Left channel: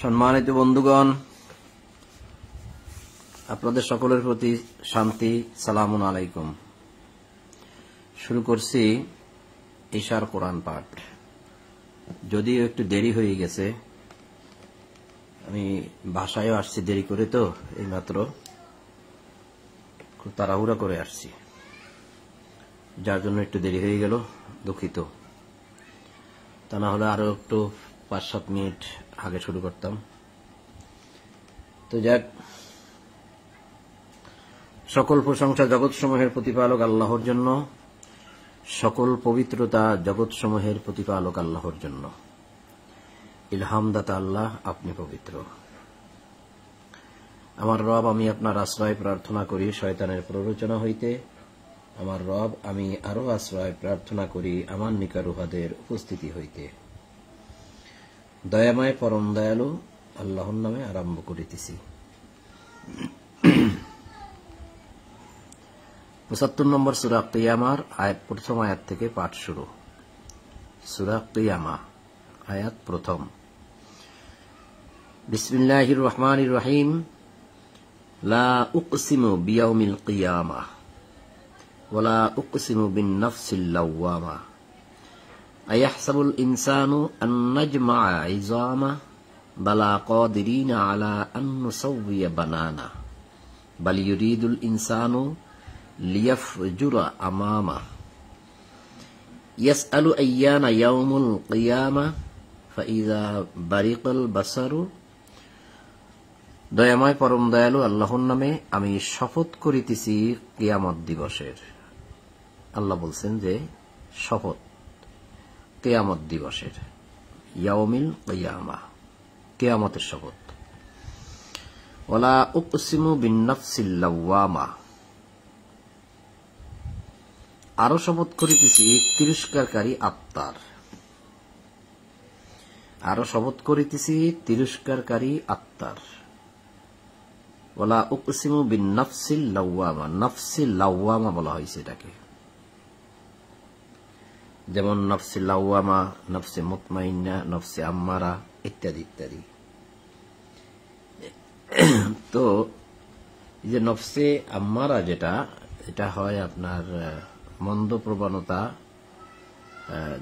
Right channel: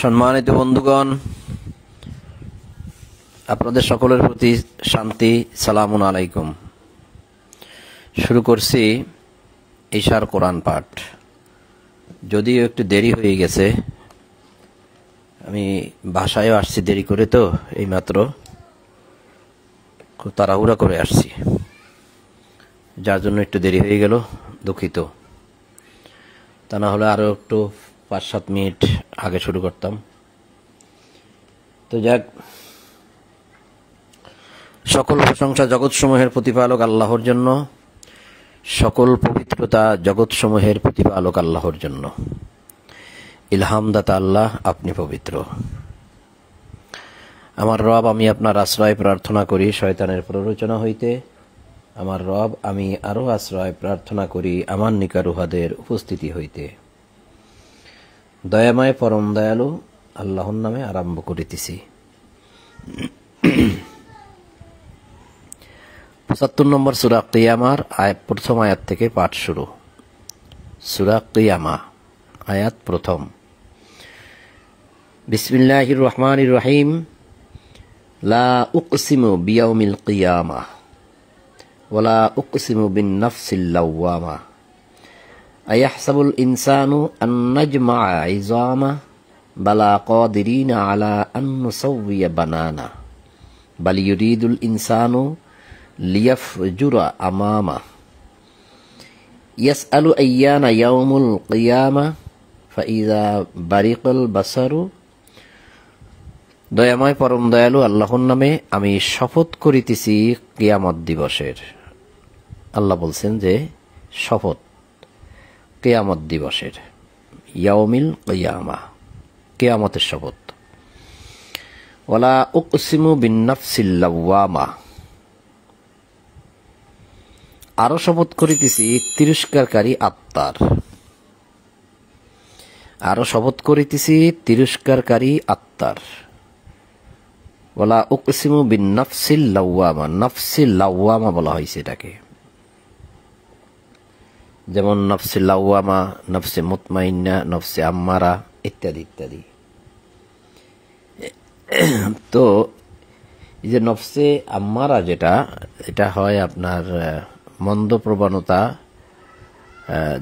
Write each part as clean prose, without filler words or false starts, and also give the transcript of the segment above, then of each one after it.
সম্মানিত বন্ধুগণ, আপনাদের সকলের প্রতি শান্তি, সালামুন আলাইকুম। শুরু করছি ঈশার কোরআন পাঠ। যদিও একটু দেরি হয়ে গেছে, আমি বাসায়ও আসছি দেরি করে, তো এইমাত্র খুব তাড়াহুড়া করে আসছি, যার জন্য একটু দেরি হয়ে গেল, দুঃখিত। তা না হলে আরও একটু 5-7 মিনিট আগে শুরু করতাম। তো যাক, সকল প্রশংসা জগৎসমূহের প্রতিপালক আল্লাহর জন্য, সকল পবিত্রতা জগৎসমূহের প্রতিপালক আল্লাহর জন্য। ইলহামদাতা আল্লাহ, আপনি পবিত্র। আমার রব, আমি আপনার আশ্রয় প্রার্থনা করি শয়তানের প্ররোচনা হইতে। আমার রব, আমি আরো আশ্রয় প্রার্থনা করি আমার নিকারুহাদের উপস্থিতি হইতে। দয়াময় পরম দয়ালু আল্লাহর নামে আরম্ভ করিতেছি। 75 নম্বর সূরা কিয়ামার প্রথম আয়াত থেকে পাঠ শুরু। সূরা কিয়ামা, আয়াত প্রথম। বিসমিল্লাহির রহমানির রহিম। লা উকসিমু বিয়াউমিল কিয়ামা ওয়া লা উকসিমু বিন নাফসিল লাওয়ামা আয়াহসাবুল ইনসানু আন নাজমা'a 'ইযামা বালা কাদিরিনা আলা আন নুসাউইয়া বানানা বাল ইউরিদুল ইনসানু লিয়াফজুরা আমামা ইয়াসআলু আইয়ানা ইয়াউমুল কিয়ামা ফাইযা বারিকাল বাসারু। দয়াময় পরম দয়ালু আল্লাহর নামে আমি শপথ করিতেছি কিয়ামত দিবসের। আল্লাহ বলছেন যে শপথ কিয়ামত দিবসের, ইয়াউমিল কিয়ামা, কিয়ামতের শপথ। ওয়ালা উকসিমু বিন নাফসিল লাওয়ামা, আরো শপথ করিতেছি তিরস্কারকারী আত্মার, আরো শপথ করিতেছি তিরস্কারকারী আত্মার। ওয়ালা উকসিমু বিন নাফসিল লাওয়ামা, নাফসিল লাওয়ামা বলা হয়েছে এটাকে, যেমন নফসে লাওয়ামা, নফসে মুতমাইন্না, নফসে আম্মারা ইত্যাদি ইত্যাদি। তো এই যে নফসে আম্মারা যেটা, এটা হয় আপনার মন্দ প্রবণতা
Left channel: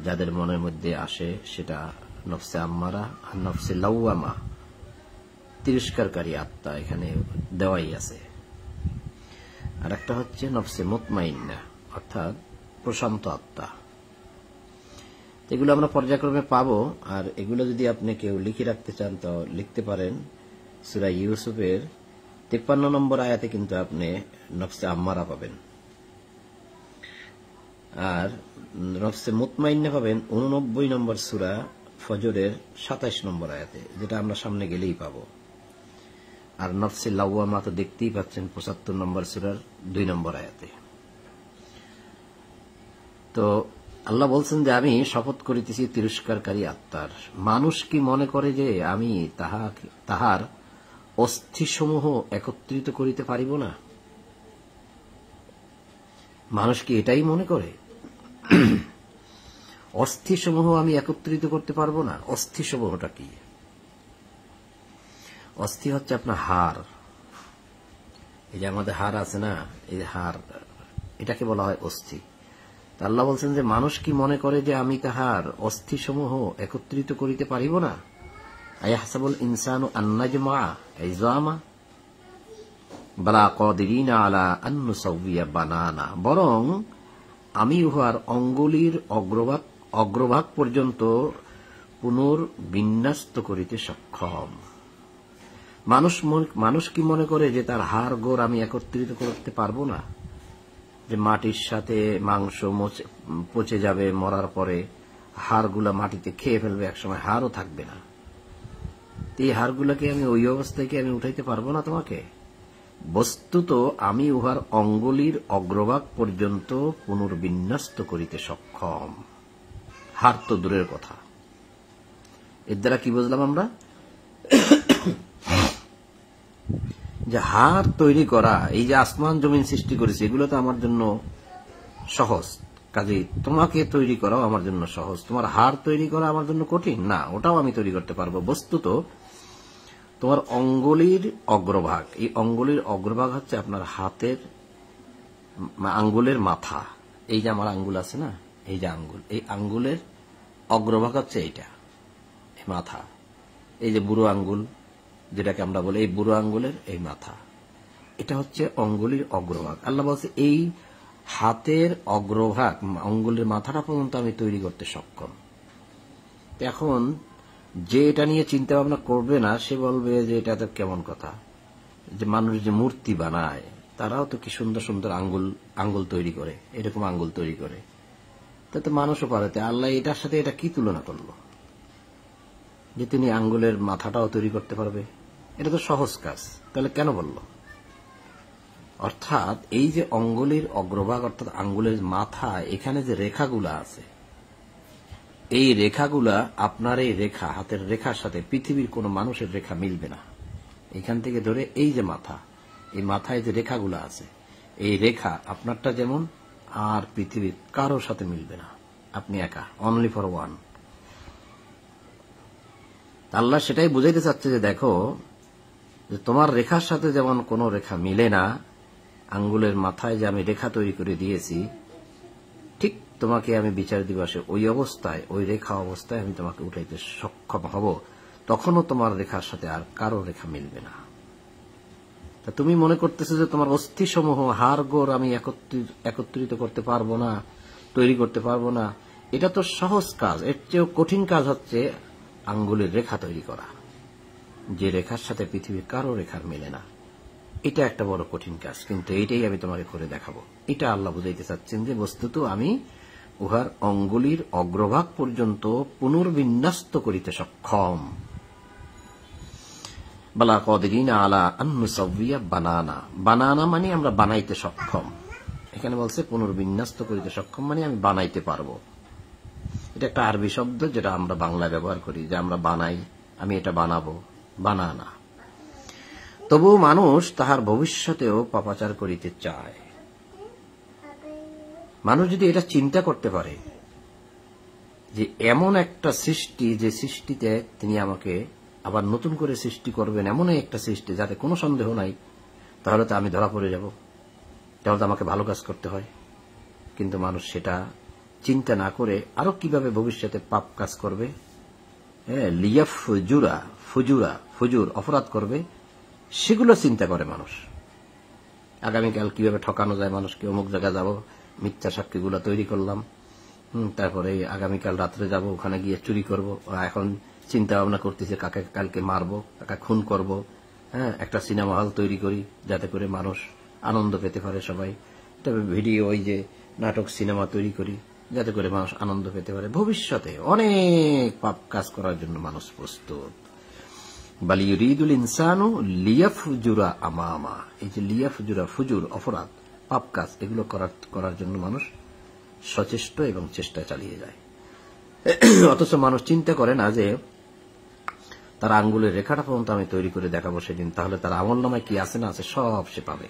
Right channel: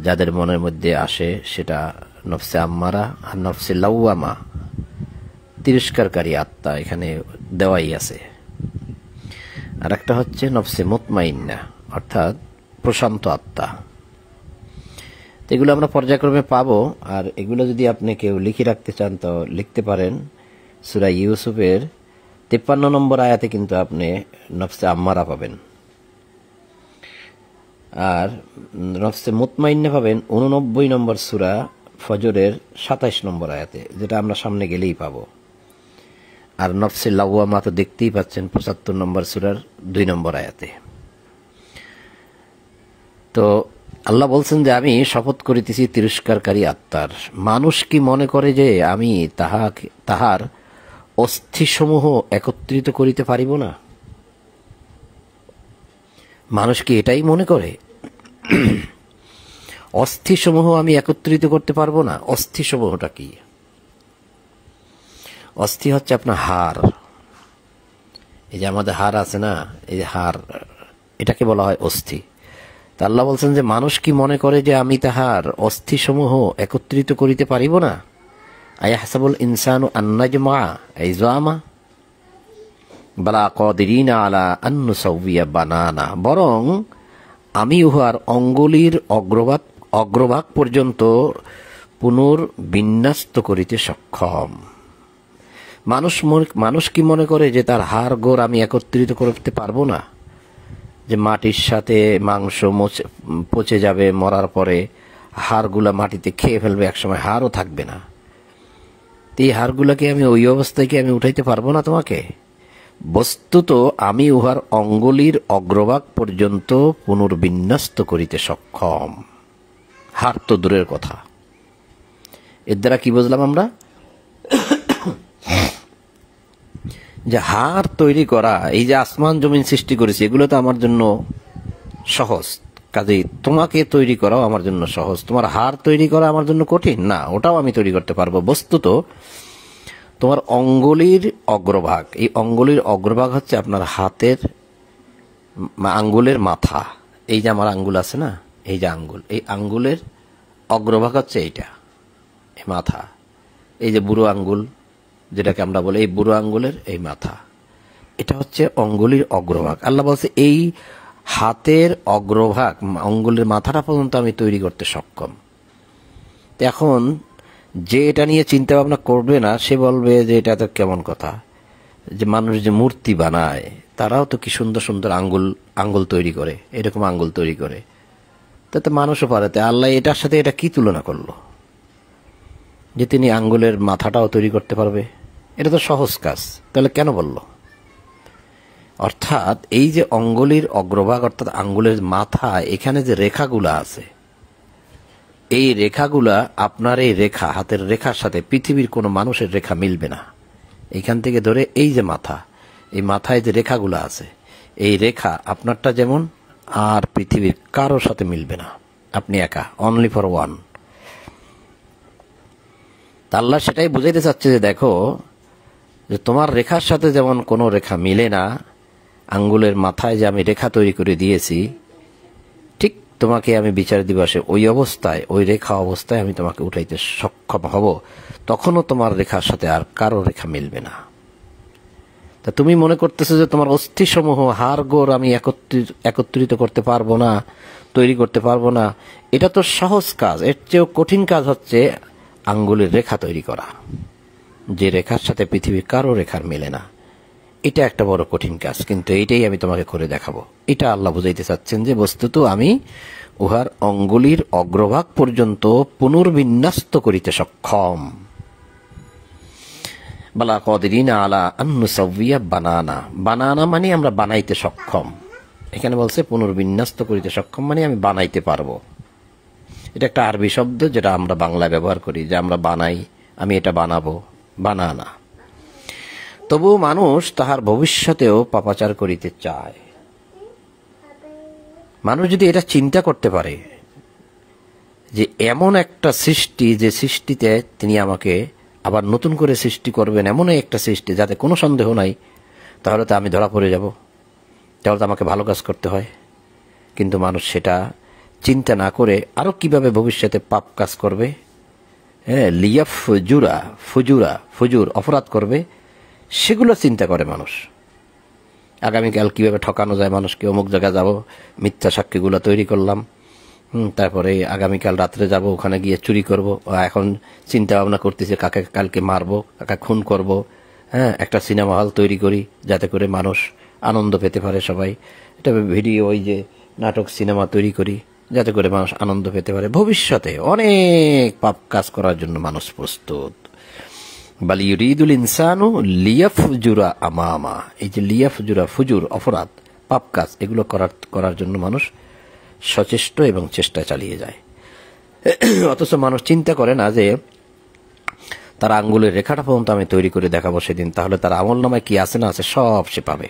যাদের মনের মধ্যে আসে সেটা নফসে আম্মারা, আর নফসে লাওয়ামা তিরস্কারকারী আত্মা এখানে দেওয়াই আছে। আর একটা হচ্ছে নফসে মুতমাইন্না, অর্থাৎ প্রশান্ত আত্মা। এগুলো আমরা পর্যায়ক্রমে পাবো, আর এগুলো যদি আপনি কেউ লিখে রাখতে চান তো লিখতে পারেন। সূরা ইউসুফের 53 নম্বর আয়াতে কিন্তু আপনি নফসে আম্মারা পাবেন, আর নফসে মুতমাইন্না পাবেন 89 নম্বর সূরা ফজরের 27 নম্বর আয়াতে, যেটা আমরা সামনে গেলেই পাবো। আর নফসে লাওয়ামা তো দেখতেই পাচ্ছেন 75 নম্বর সূরার 2 নম্বর আয়াতে। তো আল্লাহ বলছেন যে আমি শপথ করিতেছি তিরস্কারকারী আত্মার। মানুষ কি মনে করে যে আমি তাহার অস্থিসমূহ একত্রিত করিতে পারিব না? মানুষ কি এটাই মনে করে? অস্থিসমূহ আমি একত্রিত করতে পারবো না? অস্থিসমূহটা কি? অস্থি হচ্ছে আপনার হাড়। এই যে আমাদের হাড় আছে না, এই যে হাড়, এটাকে বলা হয় অস্থি। তা আল্লাহ বলছেন যে মানুষ কি মনে করে যে আমি তাহার অস্থিসমূহ একত্রিত করিতে পারিব না? আয়াহসাবুল ইনসানু আন নাজমা'a 'ইযামা বালা কাদিরিনা আলা আন নুসাউইয়া বানানা, বরং আমি উহার অঙ্গুলির অগ্রভাগ পর্যন্ত পুনর্বিন্যস্ত করিতে সক্ষম। মানুষ কি মনে করে যে তার হাড় গোড় আমি একত্রিত করতে পারবো না? যে মাটির সাথে মাংস পচে যাবে, মরার পরে হাড়গুলা মাটিতে খেয়ে ফেলবে, একসময় হাড়ও থাকবে না। এই হাড়গুলাকে আমি ওই অবস্থায় কি আমি উঠাইতে পারবো না তোমাকে? বস্তুত আমি উহার অঙ্গুলির অগ্রভাগ পর্যন্ত পুনর্বিন্যস্ত করিতে সক্ষম। হাড় তো দূরের কথা। এর দ্বারা কি বুঝলাম আমরা? যে হাড় তৈরি করা, এই যে আসমান জমিন সৃষ্টি করেছে, এগুলো তো আমার জন্য সহজ। কাজেই তোমাকে তৈরি করাও আমার জন্য সহজ। তোমার হাড় তৈরি করা আমার জন্য কঠিন না, ওটাও আমি তৈরি করতে পারবো। বস্তুত তোমার অঙ্গুলির অগ্রভাগ, এই অঙ্গুলির অগ্রভাগ হচ্ছে আপনার হাতের আঙ্গুলের মাথা। এই যে আমার আঙ্গুল আছে না, এই যে আঙ্গুল, এই আঙ্গুলের অগ্রভাগ হচ্ছে এইটা, এই মাথা। এই যে বুড়ো আঙ্গুল যেটাকে আমরা বলি, এই বুড়ো আঙ্গুলের এই মাথা, এটা হচ্ছে অঙ্গুলির অগ্রভাগ। আল্লাহ বলছে এই হাতের অগ্রভাগ, অঙ্গুলের মাথাটা পর্যন্ত আমি তৈরি করতে সক্ষম। এখন যে এটা নিয়ে চিন্তা ভাবনা করবে না, সে বলবে যে এটা তো কেমন কথা, যে মানুষ যে মূর্তি বানায় তারাও তো কি সুন্দর সুন্দর আঙ্গুল তৈরি করে, এরকম আঙ্গুল তৈরি করে, তাতে মানুষও পারে। আল্লাহ এটার সাথে এটা কি তুলনা করলো যে তিনি আঙ্গুলের মাথাটাও তৈরি করতে পারবে? এটা তো সহজ কাজ, তাহলে কেন বলল? অর্থাৎ এই যে অঙ্গুলির অগ্রভাগ অর্থাৎ আঙ্গুলের মাথা, এখানে যে রেখাগুলা আছে, এই রেখাগুলা আপনার এই রেখা, হাতের রেখার সাথে পৃথিবীর কোনো মানুষের রেখা মিলবে না। এখান থেকে ধরে এই যে মাথা, এই মাথায় যে রেখাগুলা আছে, এই রেখা আপনারটা যেমন আর পৃথিবীর কারোর সাথে মিলবে না। আপনি একা, অনলি ফর ওয়ান। আল্লাহ সেটাই বুঝাইতে চাচ্ছে যে দেখো, যে তোমার রেখার সাথে যেমন কোনো রেখা মিলে না, আঙ্গুলের মাথায় যে আমি রেখা তৈরি করে দিয়েছি, ঠিক তোমাকে আমি বিচার দিবসে ওই অবস্থায়, ওই রেখা অবস্থায় আমি তোমাকে উঠাইতে সক্ষম হব। তখনও তোমার রেখার সাথে আর কারো রেখা মিলবে না। তা তুমি মনে করতেছো যে তোমার অস্থিসমূহ, হাড় গোড় আমি একত্রিত করতে পারবো না, তৈরি করতে পারবো না। এটা তো সহজ কাজ। এর চেয়েও কঠিন কাজ হচ্ছে আঙ্গুলের রেখা তৈরি করা, যে রেখার সাথে পৃথিবীর কারো রেখার মেলে না। এটা একটা বড় কঠিন কাজ, কিন্তু এইটাই আমি তোমাকে করে দেখাবো। এটা আল্লাহ বুঝাইতে চাচ্ছেন যে বস্তুত আমি উহার অঙ্গুলির অগ্রভাগ পর্যন্ত পুনর্বিন্যস্ত করিতে সক্ষম। বালা কদিরিনা আলা আন্নুসাউইয়া বানানা। বানানা মানে আমরা বানাইতে সক্ষম। এখানে বলছে পুনর্বিন্যস্ত করিতে সক্ষম মানে আমি বানাইতে পারবো। এটা একটা আরবি শব্দ যেটা আমরা বাংলা ব্যবহার করি, যে আমরা বানাই, আমি এটা বানাবো, বানানা। তবু মানুষ তাহার ভবিষ্যতেও পাপাচার করিতে চায়। মানুষ যদি এটা চিন্তা করতে পারে যে এমন একটা সৃষ্টি, যে সৃষ্টিতে তিনি আমাকে আবার নতুন করে সৃষ্টি করবেন, এমনই একটা সৃষ্টি যাতে কোনো সন্দেহ নাই, তাহলে তো আমি ধরা পড়ে যাব, তাহলে তো আমাকে ভালো কাজ করতে হয়। কিন্তু মানুষ সেটা চিন্তা না করে আরো কিভাবে ভবিষ্যতে পাপ কাজ করবে, হ্যাঁ, ফুজুর অপরাধ করবে, সেগুলো চিন্তা করে মানুষ। আগামীকাল কিভাবে ঠকানো যায় মানুষকে, অমুক জায়গায় যাব, মিথ্যা সাক্ষীগুলো তৈরি করলাম, তারপরে আগামীকাল রাত্রে যাব, ওখানে গিয়ে চুরি করব। এখন চিন্তা ভাবনা করতেছে কাকে কালকে মারবো, কাকে খুন করব। হ্যাঁ, একটা সিনেমা হল তৈরি করি যাতে করে মানুষ আনন্দ পেতে পারে। সবাই এটা ভিডিও, ওই যে নাটক, সিনেমা তৈরি করি যাতে করে মানুষ আনন্দ পেতে পারে। ভবিষ্যতে অনেক পাপ কাজ করার জন্য মানুষ প্রস্তুত। বাল ইউরিদুল ইনসানু লিয়াফজুরা আমামা। এই যে লিয়াফজুরা, ফুজুর অপরাধ, পাপ কাজ, এগুলো করার জন্য মানুষ সচেষ্ট এবং চেষ্টা চালিয়ে যায়। অথচ মানুষ চিন্তা করে না যে তার আঙ্গুলের রেখাটা পর্যন্ত আমি তৈরি করে দেখাবো সেদিন, তাহলে তার আমল নামায় কি আছে না আছে সব সে পাবে।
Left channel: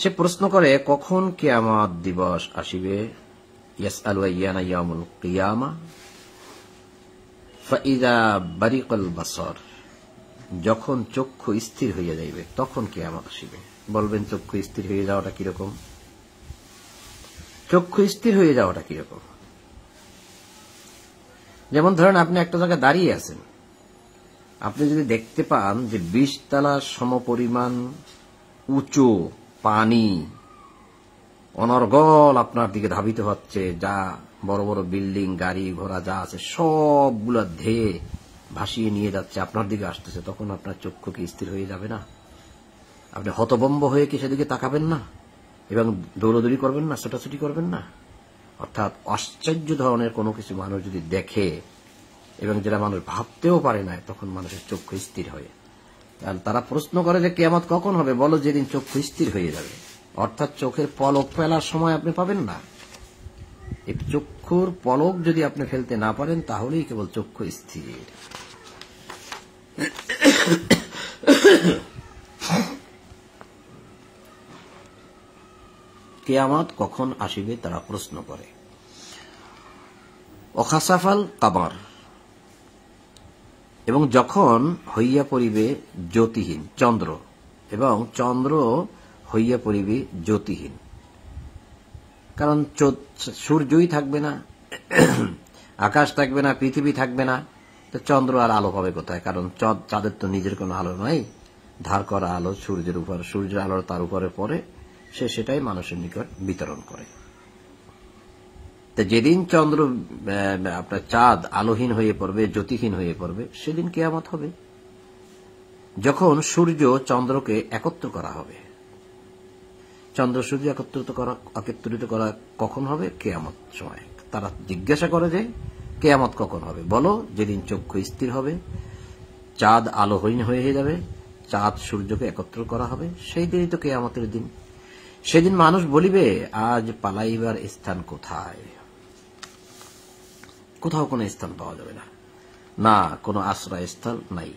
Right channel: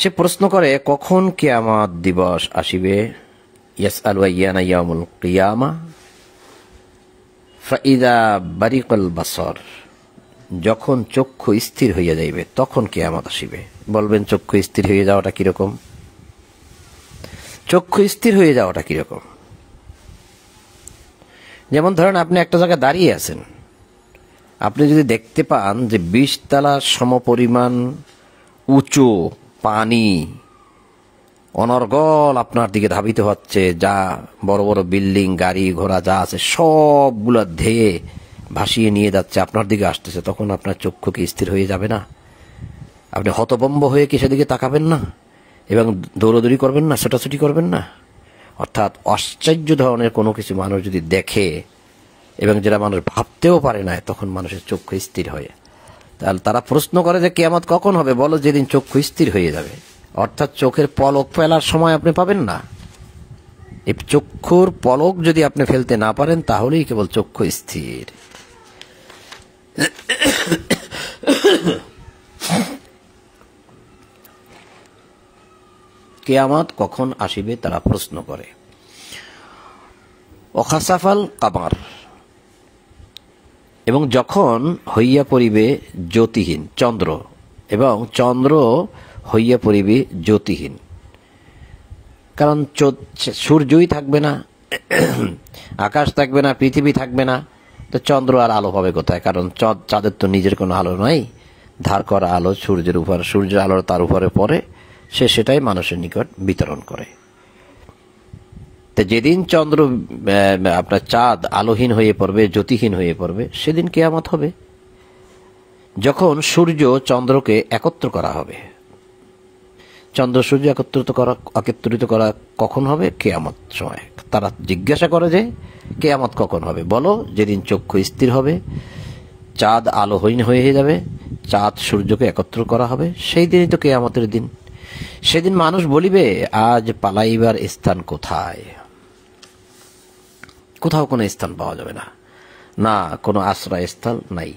সে প্রশ্ন করে কখন কিয়ামত দিবস আসিবে। ইয়াসআলু আইয়ানা ইয়াউমুল কিয়ামা ফাইদা বারিকাল বাসর। যখন চক্ষু স্থির হইয়া যাইবে তখন কিয়ামত আসিবে। বলবেন চক্ষু স্থির হয়ে যাওয়াটা কিরকম? চক্ষু স্থির হয়ে যাওয়াটা কিরকম? যেমন ধরেন আপনি একটা জায়গায় দাঁড়িয়ে আছেন, আপনি যদি দেখতে পান যে 20 তলার সমপরিমাণ উঁচু পানি অনর্গল আপনার দিকে ধাবিত হচ্ছে, যা বড় বড় বিল্ডিং, গাড়ি ঘোড়া যা আছে সবগুলো ধেয়ে ভাসিয়ে নিয়ে যাচ্ছে, আপনার দিকে আসতেছে, তখন আপনার চক্ষু কি স্থির হয়ে যাবে না? আপনি হতভম্ব হয়ে কি সেদিকে তাকাবেন না এবং দৌড়াদৌড়ি করবেন না, ছোটাছুটি করবেন না? অর্থাৎ আশ্চর্য ধরনের কোনো কিছু মানুষ যদি দেখে এবং যেটা মানুষ ভাবতেও পারে না, তখন মানুষের চক্ষু স্থির হয়। তাহলে তারা প্রশ্ন করে যে কিয়ামত কখন হবে? বলো যেদিন চক্ষু স্থির হয়ে যাবে। অর্থাৎ চোখের পলক ফেলার সময় আপনি পাবেন না। এই চক্ষুর পলক যদি আপনি ফেলতে না পারেন তাহলেই কেবল চক্ষু স্থির। কিয়ামত কখন আসিবে তারা প্রশ্ন করে। অখাসাফাল কামার, এবং যখন হইয়া পড়িবে জ্যোতিহীন চন্দ্র, এবং চন্দ্র হইয়া পড়িবে জ্যোতিহীন। কারণ সূর্যই থাকবে না, আকাশ থাকবে না, পৃথিবী থাকবে না, তো চন্দ্র আর আলো পাবে কোথায়? কারণ চাঁদের তো নিজের কোনো আলো নাই, ধার করা আলো সূর্যের উপর, সূর্যের আলো তার উপরে পড়ে, সে সেটাই মানুষের নিকট বিতরণ করে। তো যেদিন চন্দ্র আপনার চাঁদ আলোহীন হয়ে পড়বে, জ্যোতিহীন হয়ে পড়বে, সেদিন কিয়ামত হবে। যখন সূর্য চন্দ্রকে একত্র করা হবে, চন্দ্র সূর্য একত্রিত করা কখন হবে? কিয়ামত সময়। তারা জিজ্ঞাসা করে যে কিয়ামত কখন হবে? বলো যেদিন চক্ষু স্থির হবে, চাঁদ আলোহীন হয়ে যাবে, চাঁদ সূর্যকে একত্র করা হবে, সেই দিনই তো কিয়ামতের দিন। সেদিন মানুষ বলিবে আজ পালাইবার স্থান কোথায়? কোথাও কোনো স্থান পাওয়া যাবে না, না কোনো আশ্রয়স্থল নাই।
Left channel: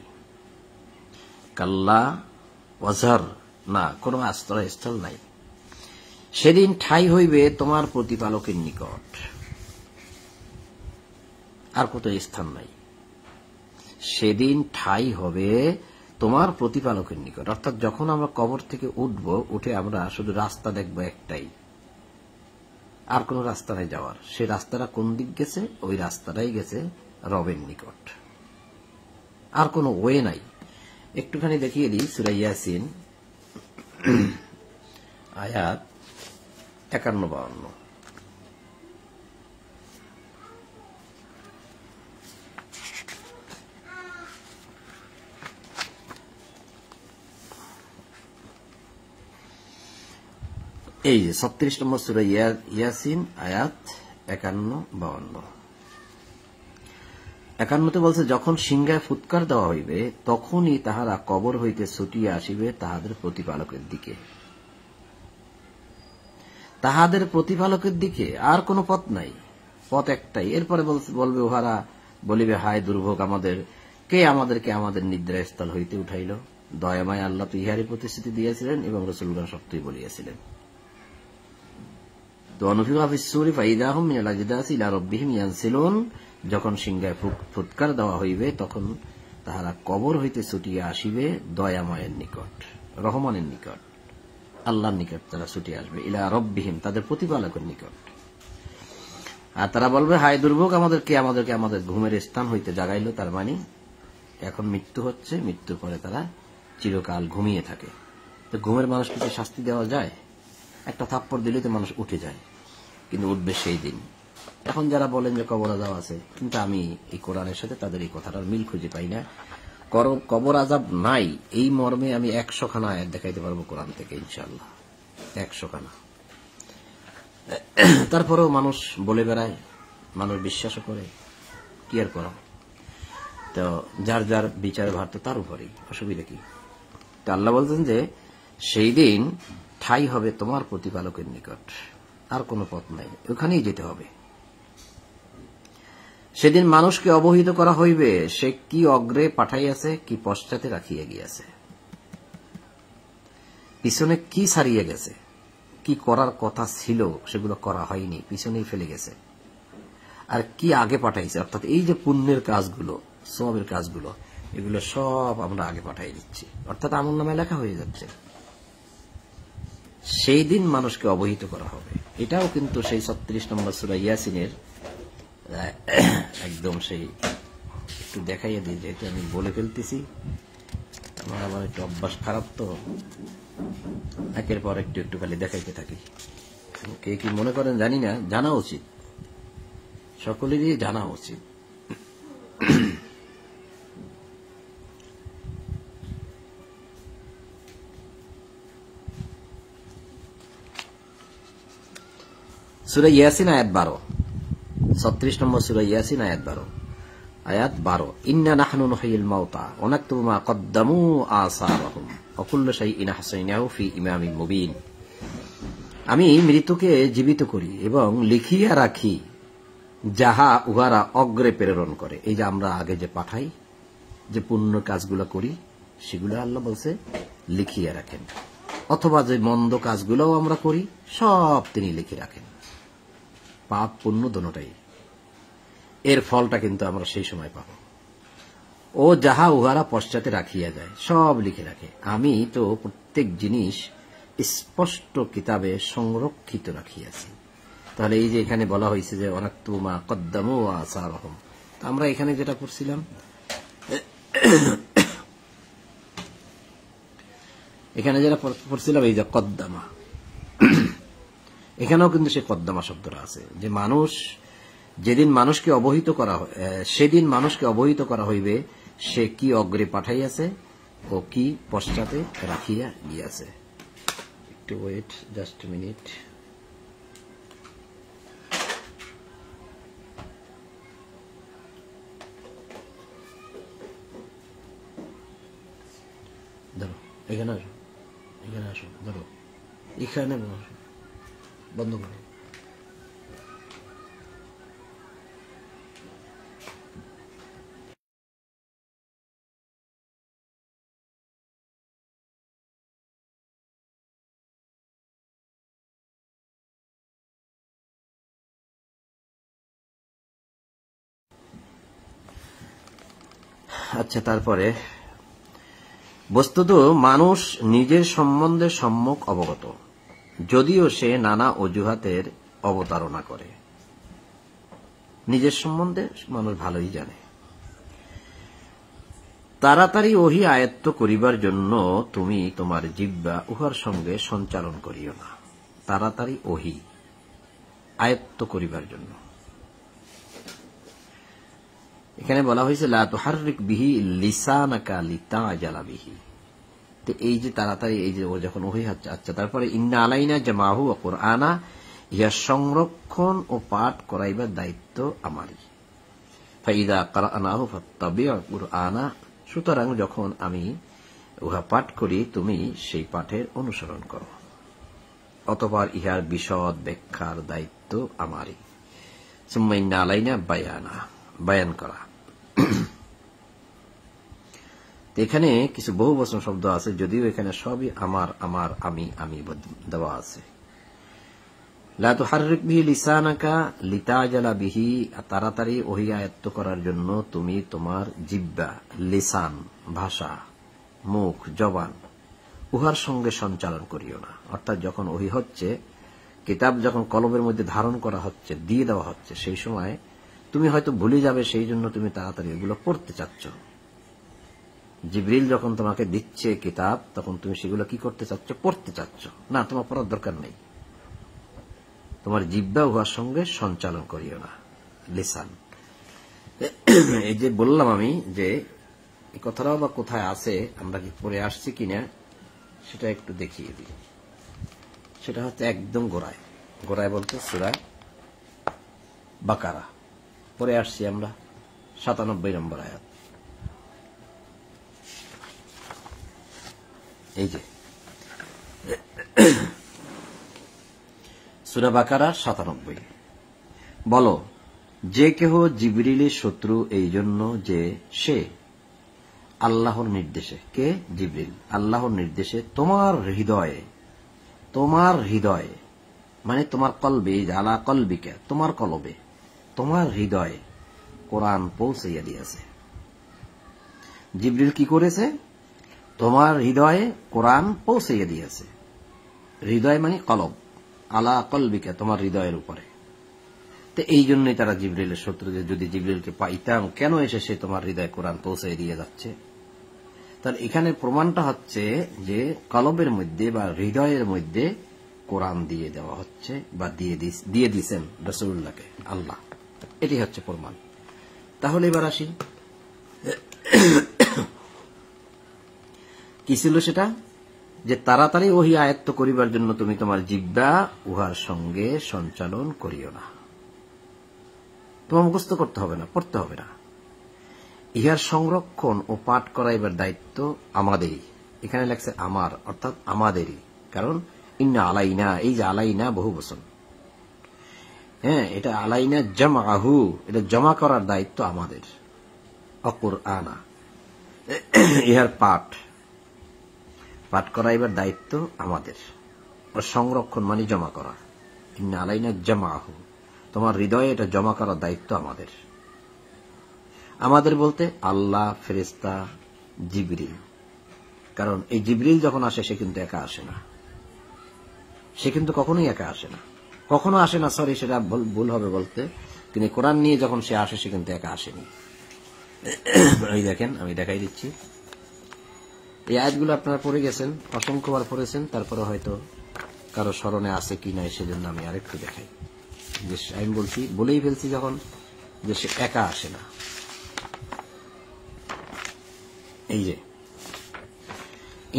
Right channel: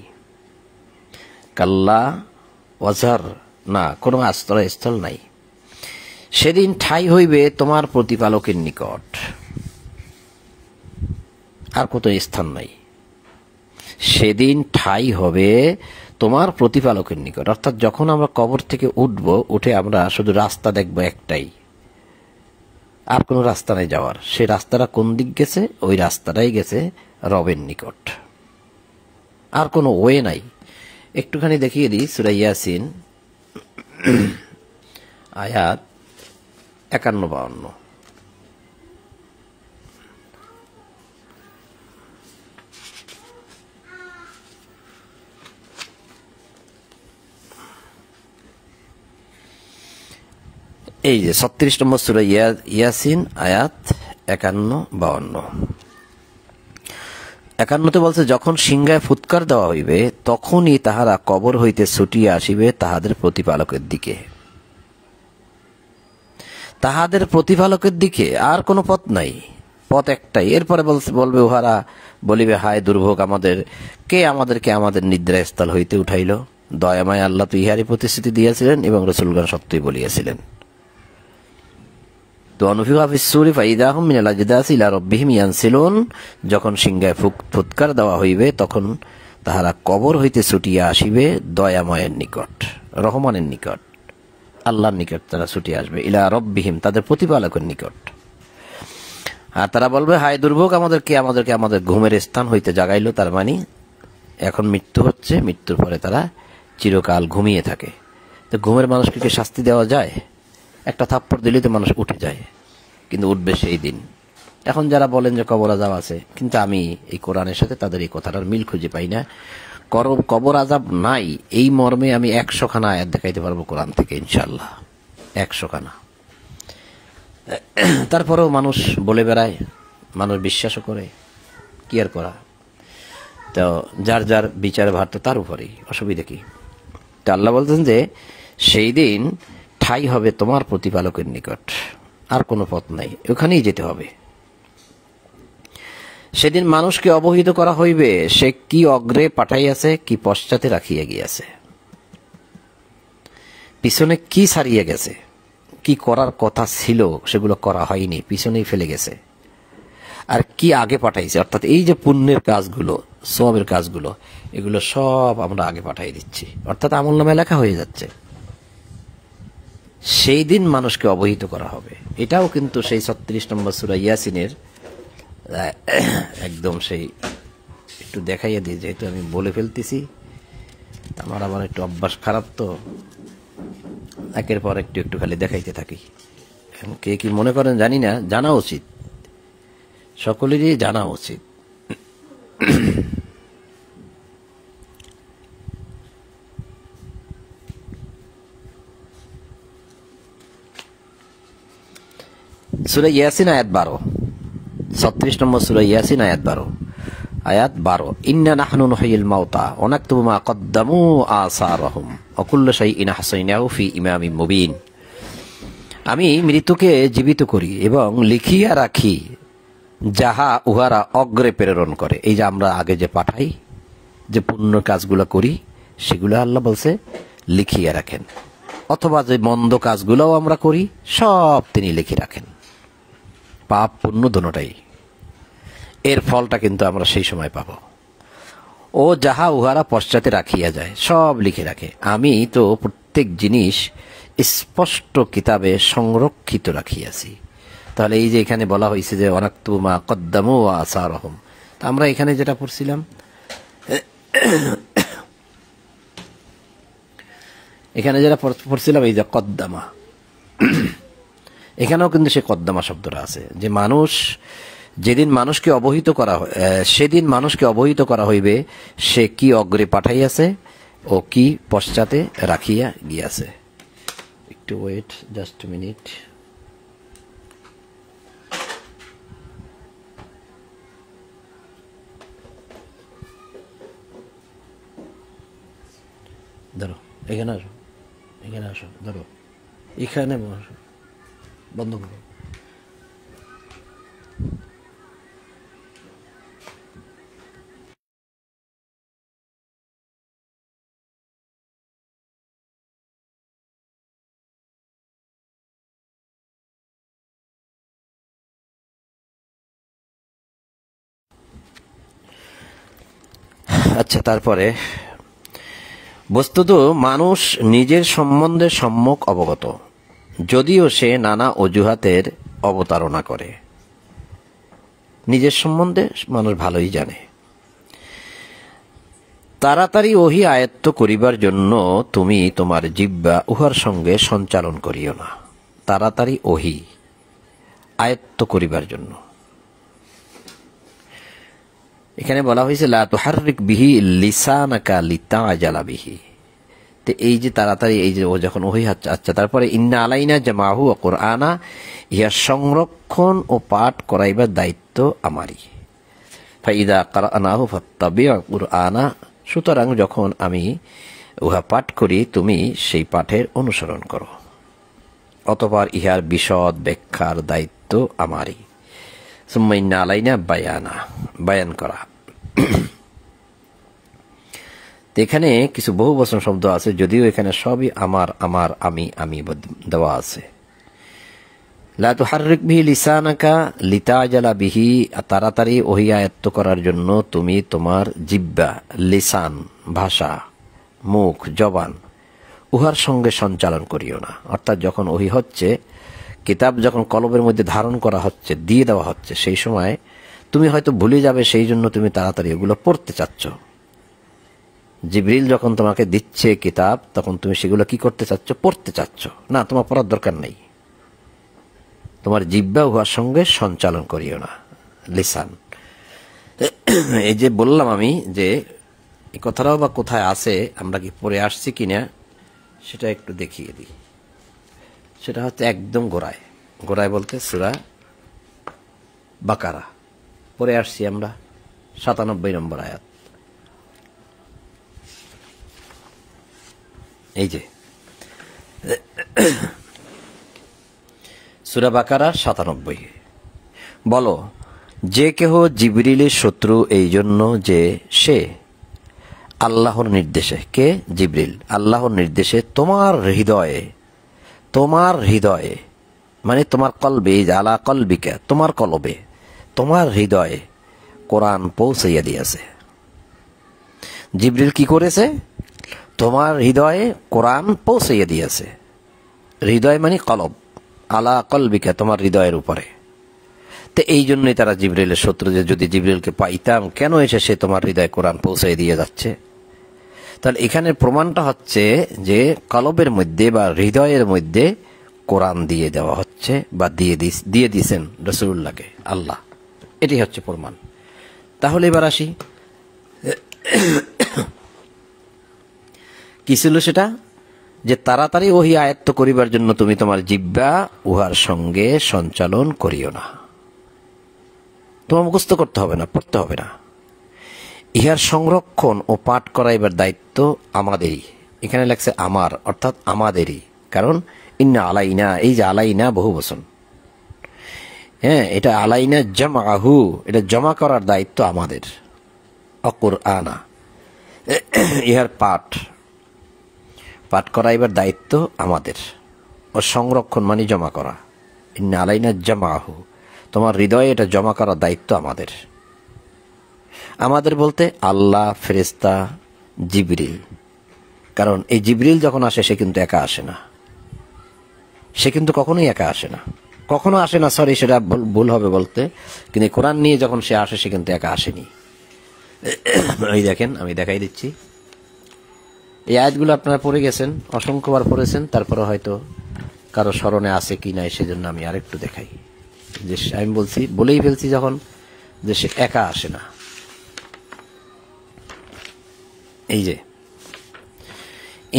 কাল্লা ওয়াজার, না কোনো আশ্রয়স্থল নাই। সেদিন ঠাঁই হইবে তোমার প্রতিপালকের নিকট। আর কত স্থান নাই। সেদিন ঠাঁই হবে তোমার প্রতিপালকের নিকট। অর্থাৎ যখন আমরা কবর থেকে উঠব, উঠে আমরা শুধু রাস্তা দেখব একটাই, আর কোনো রাস্তা নাই যাওয়ার। সেই রাস্তাটা কোন দিক গেছে? ওই রাস্তাটাই গেছে রবের নিকট, আর কোনো ওয়ে নাই। একটুখানি দেখিয়ে দিই সূরা ইয়াসিন আয়াত 51-52। এই যে 36 নম্বর সূরা ইয়াসিন আয়াত 51-52। 51তে বলছে, যখন সিংহায় ফুৎকার দেওয়া হইবে তখনই তাহারা কবর হইতে ছুটিয়া আসিবে তাহাদের প্রতিপালকের দিকে। তাহাদের প্রতিপালকের দিকে, আর কোনো পথ নাই, পথ একটাই। এরপরে বলবে উহারা বলিবে, হায় দুর্ভোগ আমাদের, কে আমাদেরকে আমাদের নিদ্রাস্থল হইতে উঠাইল। দয়াময় আল্লাহ তো ইহারই প্রতিশ্রুতি দিয়েছিলেন এবং রাসূলগণ সত্যই বলিয়াছিলেন। তো অনুফিকা ফিস-সূরি ফাইদাহুম মিনাল আজদাসি ইলা রাব্বিহিম ইয়ানসিলুন, যখন সিংহায় ফুৎকার দেওয়া হইবে তখন তাহারা কবর হইতে ছুটিয়া আসিবে দয়াময়ের নিকট, রহমানের নিকট, আল্লাহর নিকট তারা ছুটিয়া আসবে। ইলা রাব্বিহিম, তাদের প্রতিপালকের নিকট। আর তারা বলবে, হায় দুর্ভোগ আমাদেরকে আমাদের ঘুমের স্থান হইতে জাগাইল। তার মানে এখন মৃত্যু হচ্ছে, মৃত্যুর পরে তারা চিরকাল ঘুমিয়ে থাকে। তো ঘুমের মানুষকে কি শাস্তি দেওয়া যায়? একটা থাপ্পড় দিলে তো মানুষ উঠে যায়, কিন্তু উঠবে সেই দিন। এখন যারা বলেন যে কবর আযাব আছে, কিন্তু আমি এই কোরআনের সাথে তাদের এই কথাটার মিল খুঁজে পাই না। কবর আযাব নাই এই মর্মে আমি 100 খানা আয়াত দেখাইতে পারবো কোরআন থেকে, ইনশাআল্লাহ 100 খানা। তারপরেও মানুষ বলে বেড়ায়, মানুষ বিশ্বাসও করে, কি আর করা। তো যার যার বিচার ভার তো তার উপরেই, অসুবিধা কি? তো আল্লাহ বলতেন যে সেই দিন ঠাঁই হবে তোমার প্রতিপালকের নিকট, আর কোনো পথ নাই, ওখানেই যেতে হবে। সেদিন মানুষকে অবহিত করা হইবে সে কি অগ্রে পাঠাইয়াছে, কি পশ্চাতে রাখিয়া গিয়াছে, পিছনে কি ছাড়িয়ে গেছে, কি করার কথা ছিল সেগুলো করা হয়নি, পিছনেই ফেলে গেছে, আর কি আগে পাঠাইছে। অর্থাৎ এই যে পুণ্যের কাজগুলো, সওয়াবের কাজগুলো, এগুলো সব আমরা আগে পাঠাই দিচ্ছি, অর্থাৎ আমলনামায় লেখা হয়ে যাচ্ছে। সেই দিন মানুষকে অবহিত করা হবে। এটাও কিন্তু সেই 36 নম্বর সূরা ইয়াসিনের একদম সেই, একটু দেখাইয়া দিই, যেহেতু আমি বলে ফেলতেছি, আমার একটু অভ্যাস খারাপ, তো একের পর একটু খালি দেখাইতে থাকি। কে কি মনে করেন জানি না, জানা উচিত, সকলেরই জানা উচিত। সূরা ইয়াসিন আয়াত 12, 36 নম্বর সূরা ইয়াসিন আয়াত 12। ইন্না নাহনু নুহয়িল মাউতা ওয়া নাকতুবু মা কদ্দামু আসারহুম ওয়া কুল্লু শাইইন আহসাইনাহু ফি ইমামিন মুবিন। আমি মৃত্যুকে জীবিত করি এবং লিখিয়া রাখি যাহা উহারা অগ্রে প্রেরণ করে। এই যে আমরা আগে যে পাঠাই, যে পুণ্য কাজগুলো করি, সেগুলো আল্লাহ বলছে লিখিয়া রাখেন, অথবা যে মন্দ কাজগুলোও আমরা করি সব তিনি লিখে রাখেন, পাপ পুণ্য দোনোটাই। এর ফলটা কিন্তু আমরা সেই সময় পাব। ও যাহা উহারা পশ্চাতে রাখিয়া যায়, সব লিখে রাখে। আমি তো প্রত্যেক জিনিস স্পষ্ট কিতাবে সংরক্ষিত রাখিয়াছি। তাহলে এই যে এখানে বলা হয়েছে যে ওয়ানাকতুবু মা কদ্দামু ওয়া আসারহুম, আমরা এখানে যেটা পড়ছিলাম, এখানে যেটা পড়ছিলাম এই যে কদ্দামা, এখানেও কিন্তু সে কদ্দামা শব্দটা আছে, যে মানুষ যেদিন মানুষকে অবহিত করা সেদিন মানুষকে অবহিত করা হইবে সে কি অগ্রে পাঠাইয়াছে ও কি পশ্চাতে রাখিয়া গিয়াছে। একটু ওয়েট, জাস্ট মিনিট। ধরো এখানে আসো, এখানে আসো, ধরো এখানে বন্ধ করো। আচ্ছা, তারপরে বস্তুত মানুষ নিজের সম্বন্ধে সম্যক অবগত, যদিও সে নানা অজুহাতের অবতারণা করে। নিজের সম্বন্ধে মানুষ ভালোই জানে। তাড়াতাড়ি ওহি আয়ত্ত করিবার জন্য তুমি তোমার জিহ্বা উহার সঙ্গে সঞ্চালন করিও না। তাড়াতাড়ি ওহি আয়ত্ত করিবার জন্য এখানে বলা হয়েছে লা তুহাররিক বিহি লিসানাকা লিতাআজালা বিহি। তো এই যে তাড়াতাড়ি, এই যে ও যখন ওহি হচ্ছে, আচ্ছা তারপরে ইন্না আলাইনা জামাহু ওয়া কুরআনা, ইহা সংরক্ষণ ও পাঠ করাইবার দায়িত্ব আমারই। ফাইদা কারানাহু ফাত্তাবিউ কুরআনা, সুতরাং যখন আমি উহা পাঠ করি তুমি সেই পাঠের অনুসরণ করো। অতঃপর ইহার বিশদ ব্যাখ্যার দায়িত্ব আমারই। সুম্মা ইন্না আলাইনা বায়ানা, বায়ান করা। এখানে কিছু বহু বচন শব্দ আছে, যদিও এখানে সবই আমার, আমার, আমি, আমি দেওয়া আছে। লা তুহাররিক বিহি লিসানাকা লিতাআজালা বিহি, তাড়াতাড়ি ওহি আয়ত্ত করার জন্য তুমি তোমার জিহ্বা, লিসান ভাষা, মুখ, জবান, উহার সঙ্গে সঞ্চালন করিও না। অর্থাৎ যখন ওহি হচ্ছে, কিতাব যখন কলবের মধ্যে ধারণ করা হচ্ছে, দিয়ে দেওয়া হচ্ছে, সেই সময় তুমি হয়তো ভুলে যাবে, সেই জন্য তুমি তাড়াতাড়ি ওগুলো পড়তে চাচ্ছ। জিবরিল যখন তোমাকে দিচ্ছে কিতাব, তখন তুমি সেগুলো কি করতে চাচ্ছ? পড়তে চাচ্ছ না, তোমার পড়ার দরকার নেই। তোমার জিহ্বা উহার সঙ্গে সঞ্চালন করিও না, লিসান। এই যে বললাম আমি যে এই কথাটাও বা কোথায় আছে, আমরা কি পড়ে আসছি কিনা সেটা একটু দেখিয়ে দিই। সেটা হচ্ছে একদম গোড়ায়, গোড়ায় বলতে সূরা বাকারা পড়ে আসছি আমরা, ৯৭ নম্বর আয়াত। এই যে সূরা বাকারা ৯৭। বলো, যে কেহ জিবরিলের শত্রু এই জন্য যে সে আল্লাহর নির্দেশে, কে? জিবরিল, আল্লাহর নির্দেশে তোমার হৃদয়ে, তোমার হৃদয়ে মানে তোমার কলবে, আলা কলবিকা, তোমার কলবে, তোমার হৃদয়ে কোরআন পৌঁছাইয়া দিয়েছে। জিবরিল কি করেছে? তোমার হৃদয়ে কোরআন পৌঁছাইয়া দিয়েছে। হৃদয় মানে কলব, আলা কলবিকা, তোমার হৃদয়ের উপরে। তো এই জন্যই তারা জিবরিলের শত্রু, যে যদি জিবরিলকে পাইতাম, কেন এসে সে তোমার হৃদয়ে কোরআন পৌঁছাই দিয়ে যাচ্ছে। তাহলে এখানে প্রমাণটা হচ্ছে যে কলবের মধ্যে বা হৃদয়ের মধ্যে কোরআন দিয়ে দেওয়া হচ্ছে, বা দিয়ে দিয়েছেন রাসূলুল্লাহকে আল্লাহ। এটি হচ্ছে প্রমাণ। তাহলে এবার আসি, কি ছিল সেটা? যে তাড়াতাড়ি ওহি আয়ত্ত করিবার জন্য তুমি তোমার জিহ্বা উহার সঙ্গে সঞ্চালন করিও না। তোমার মুখস্থ করতে হবে না, পড়তে হবে না। ইহার সংরক্ষণ ও পাঠ করাইবার দায়িত্ব আমাদেরই। এখানে লাগছে আমার, অর্থাৎ আমাদেরই। কারণ ইন্না আলাইনা, এই যে আলাইনা বহু বচন, হ্যাঁ, এটা আলাইনা জামআহু, এটা জমা করার দায়িত্ব আমাদের। অকুরআনা, ইহার পাঠ করাইবার দায়িত্ব আমাদের। ও সংরক্ষণ মানে জমা করা। ইন্না আলাইনা জামআহু, তোমার হৃদয়ে এটা জমা করার দায়িত্ব আমাদের। আমাদের বলতে আল্লাহ, ফেরেশতা, জিবরিল। কারণ এই জিবরিল যখন আসে সে কিন্তু একা আসে না, সে কিন্তু কখনোই একা আসে না, কখনো আসে না, সরি সেটা ভুল হবে বলতে। কিন্তু কোরআন নিয়ে যখন সে আসে সে কিন্তু একা আসেনি। এই দেখেন, আমি দেখাই দিচ্ছি। এই আয়াতগুলো আপনারা পড়ে গেছেন, অসংখ্যবার পড়েছেন, তারপরে হয়তো কারো স্মরণে আছে কি নাই, সেজন্য আমি আরেকটু দেখাই। যে আমি বলেই ফেলছি যখন, যে সে একা আসে না। এই যে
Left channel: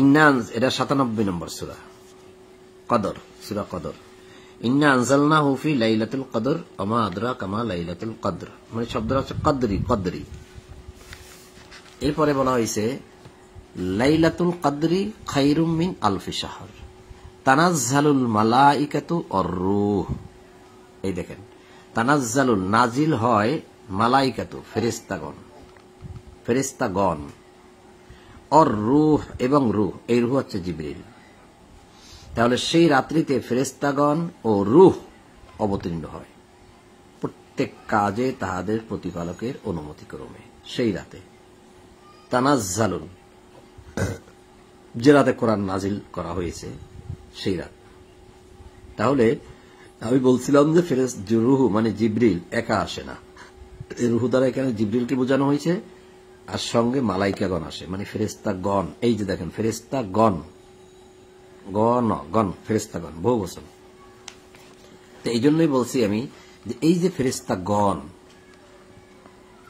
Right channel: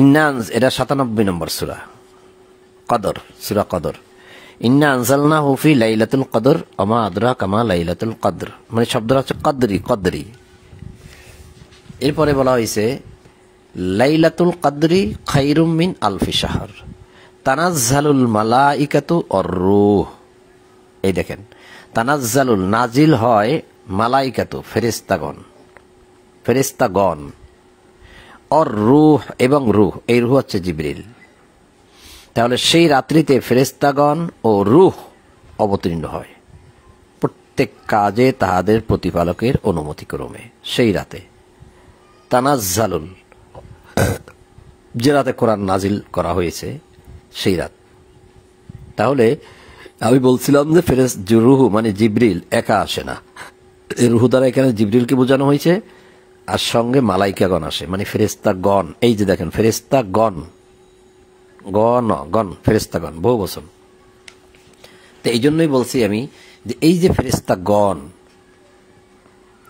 ইন্না, এটা ৯৭ নম্বর সূরা কদর, সূরা কদর। ইন্না আনজালনাহু ফি লাইলাতুল কদর ওয়া মা আদরাকা মা লাইলাতুল কদর, মানে শব্দটা হচ্ছে কদরি, কদরি। এরপরে বলা হয়েছে লাইলাতুল কদরি খায়রুম মিন আলফি শাহর তানাজ্জালুল মালাইকাতু ওয়ার রূহ। এই দেখেন, তানাজ্জালুল, নাজিল হয়, মালাইকাতু, ফেরেশতাগণ, অর রূহ, এবং রূহ, এই রূহ হচ্ছে জিবরিল। তাহলে সেই রাত্রিতে ফেরেশতাগণ ও রূহ অবতীর্ণ হয় প্রত্যেক কাজে তাহাদের প্রতিপালকের অনুমতি ক্রমে। সেই রাতে তানাজ্জালুন, যে রাতে কোরআন নাজিল করা হয়েছে সেই রাত। তাহলে আমি বলছিলাম যে রুহু মানে জিবরিল একা আসে না, এই রুহু দ্বারা এখানে জিবরিলকে বোঝানো হয়েছে, আর সঙ্গে মালাইকাগণ আসে, মানে ফেরেশতাগণ। এই যে দেখেন ফেরেশতাগণ, গণ ফেরেশতাগণ বহু বচন। তো এই জন্যই বলছি আমি যে এই যে ফেরেশতাগণ,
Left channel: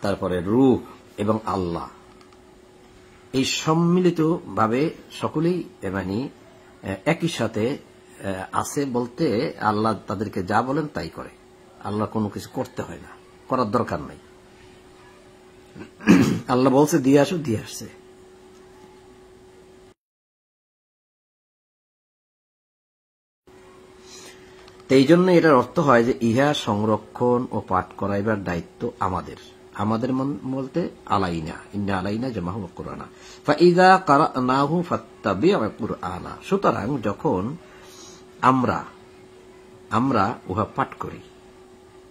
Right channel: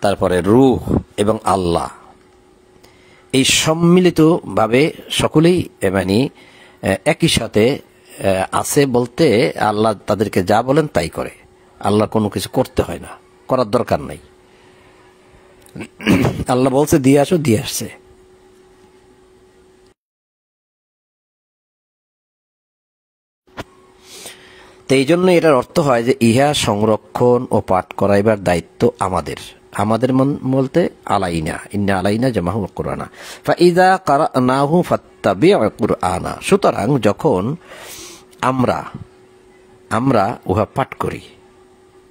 তারপরে রূহ এবং আল্লাহ, এই সম্মিলিত ভাবে সকলেই মানে একই সাথে আছে বলতে আল্লাহ তাদেরকে যা বলেন তাই করে। আল্লাহ কোনো কিছু করতে হয় না, করার দরকার নাই। আল্লাহ বলছে দিয়ে আসো, দিয়ে আসছে। তো এই জন্য এটার অর্থ হয় যে ইহা সংরক্ষণ ও পাঠ করাইবার দায়িত্ব আমাদের। আমাদের বলতে আলাইনা, ইন্না আলাইনা জামাহুল কুরআনা ফাইযা কারানাহু ফাত্তাবিউ কুরআনা। সুতরাং যখন আমরা উহা পাঠ করি,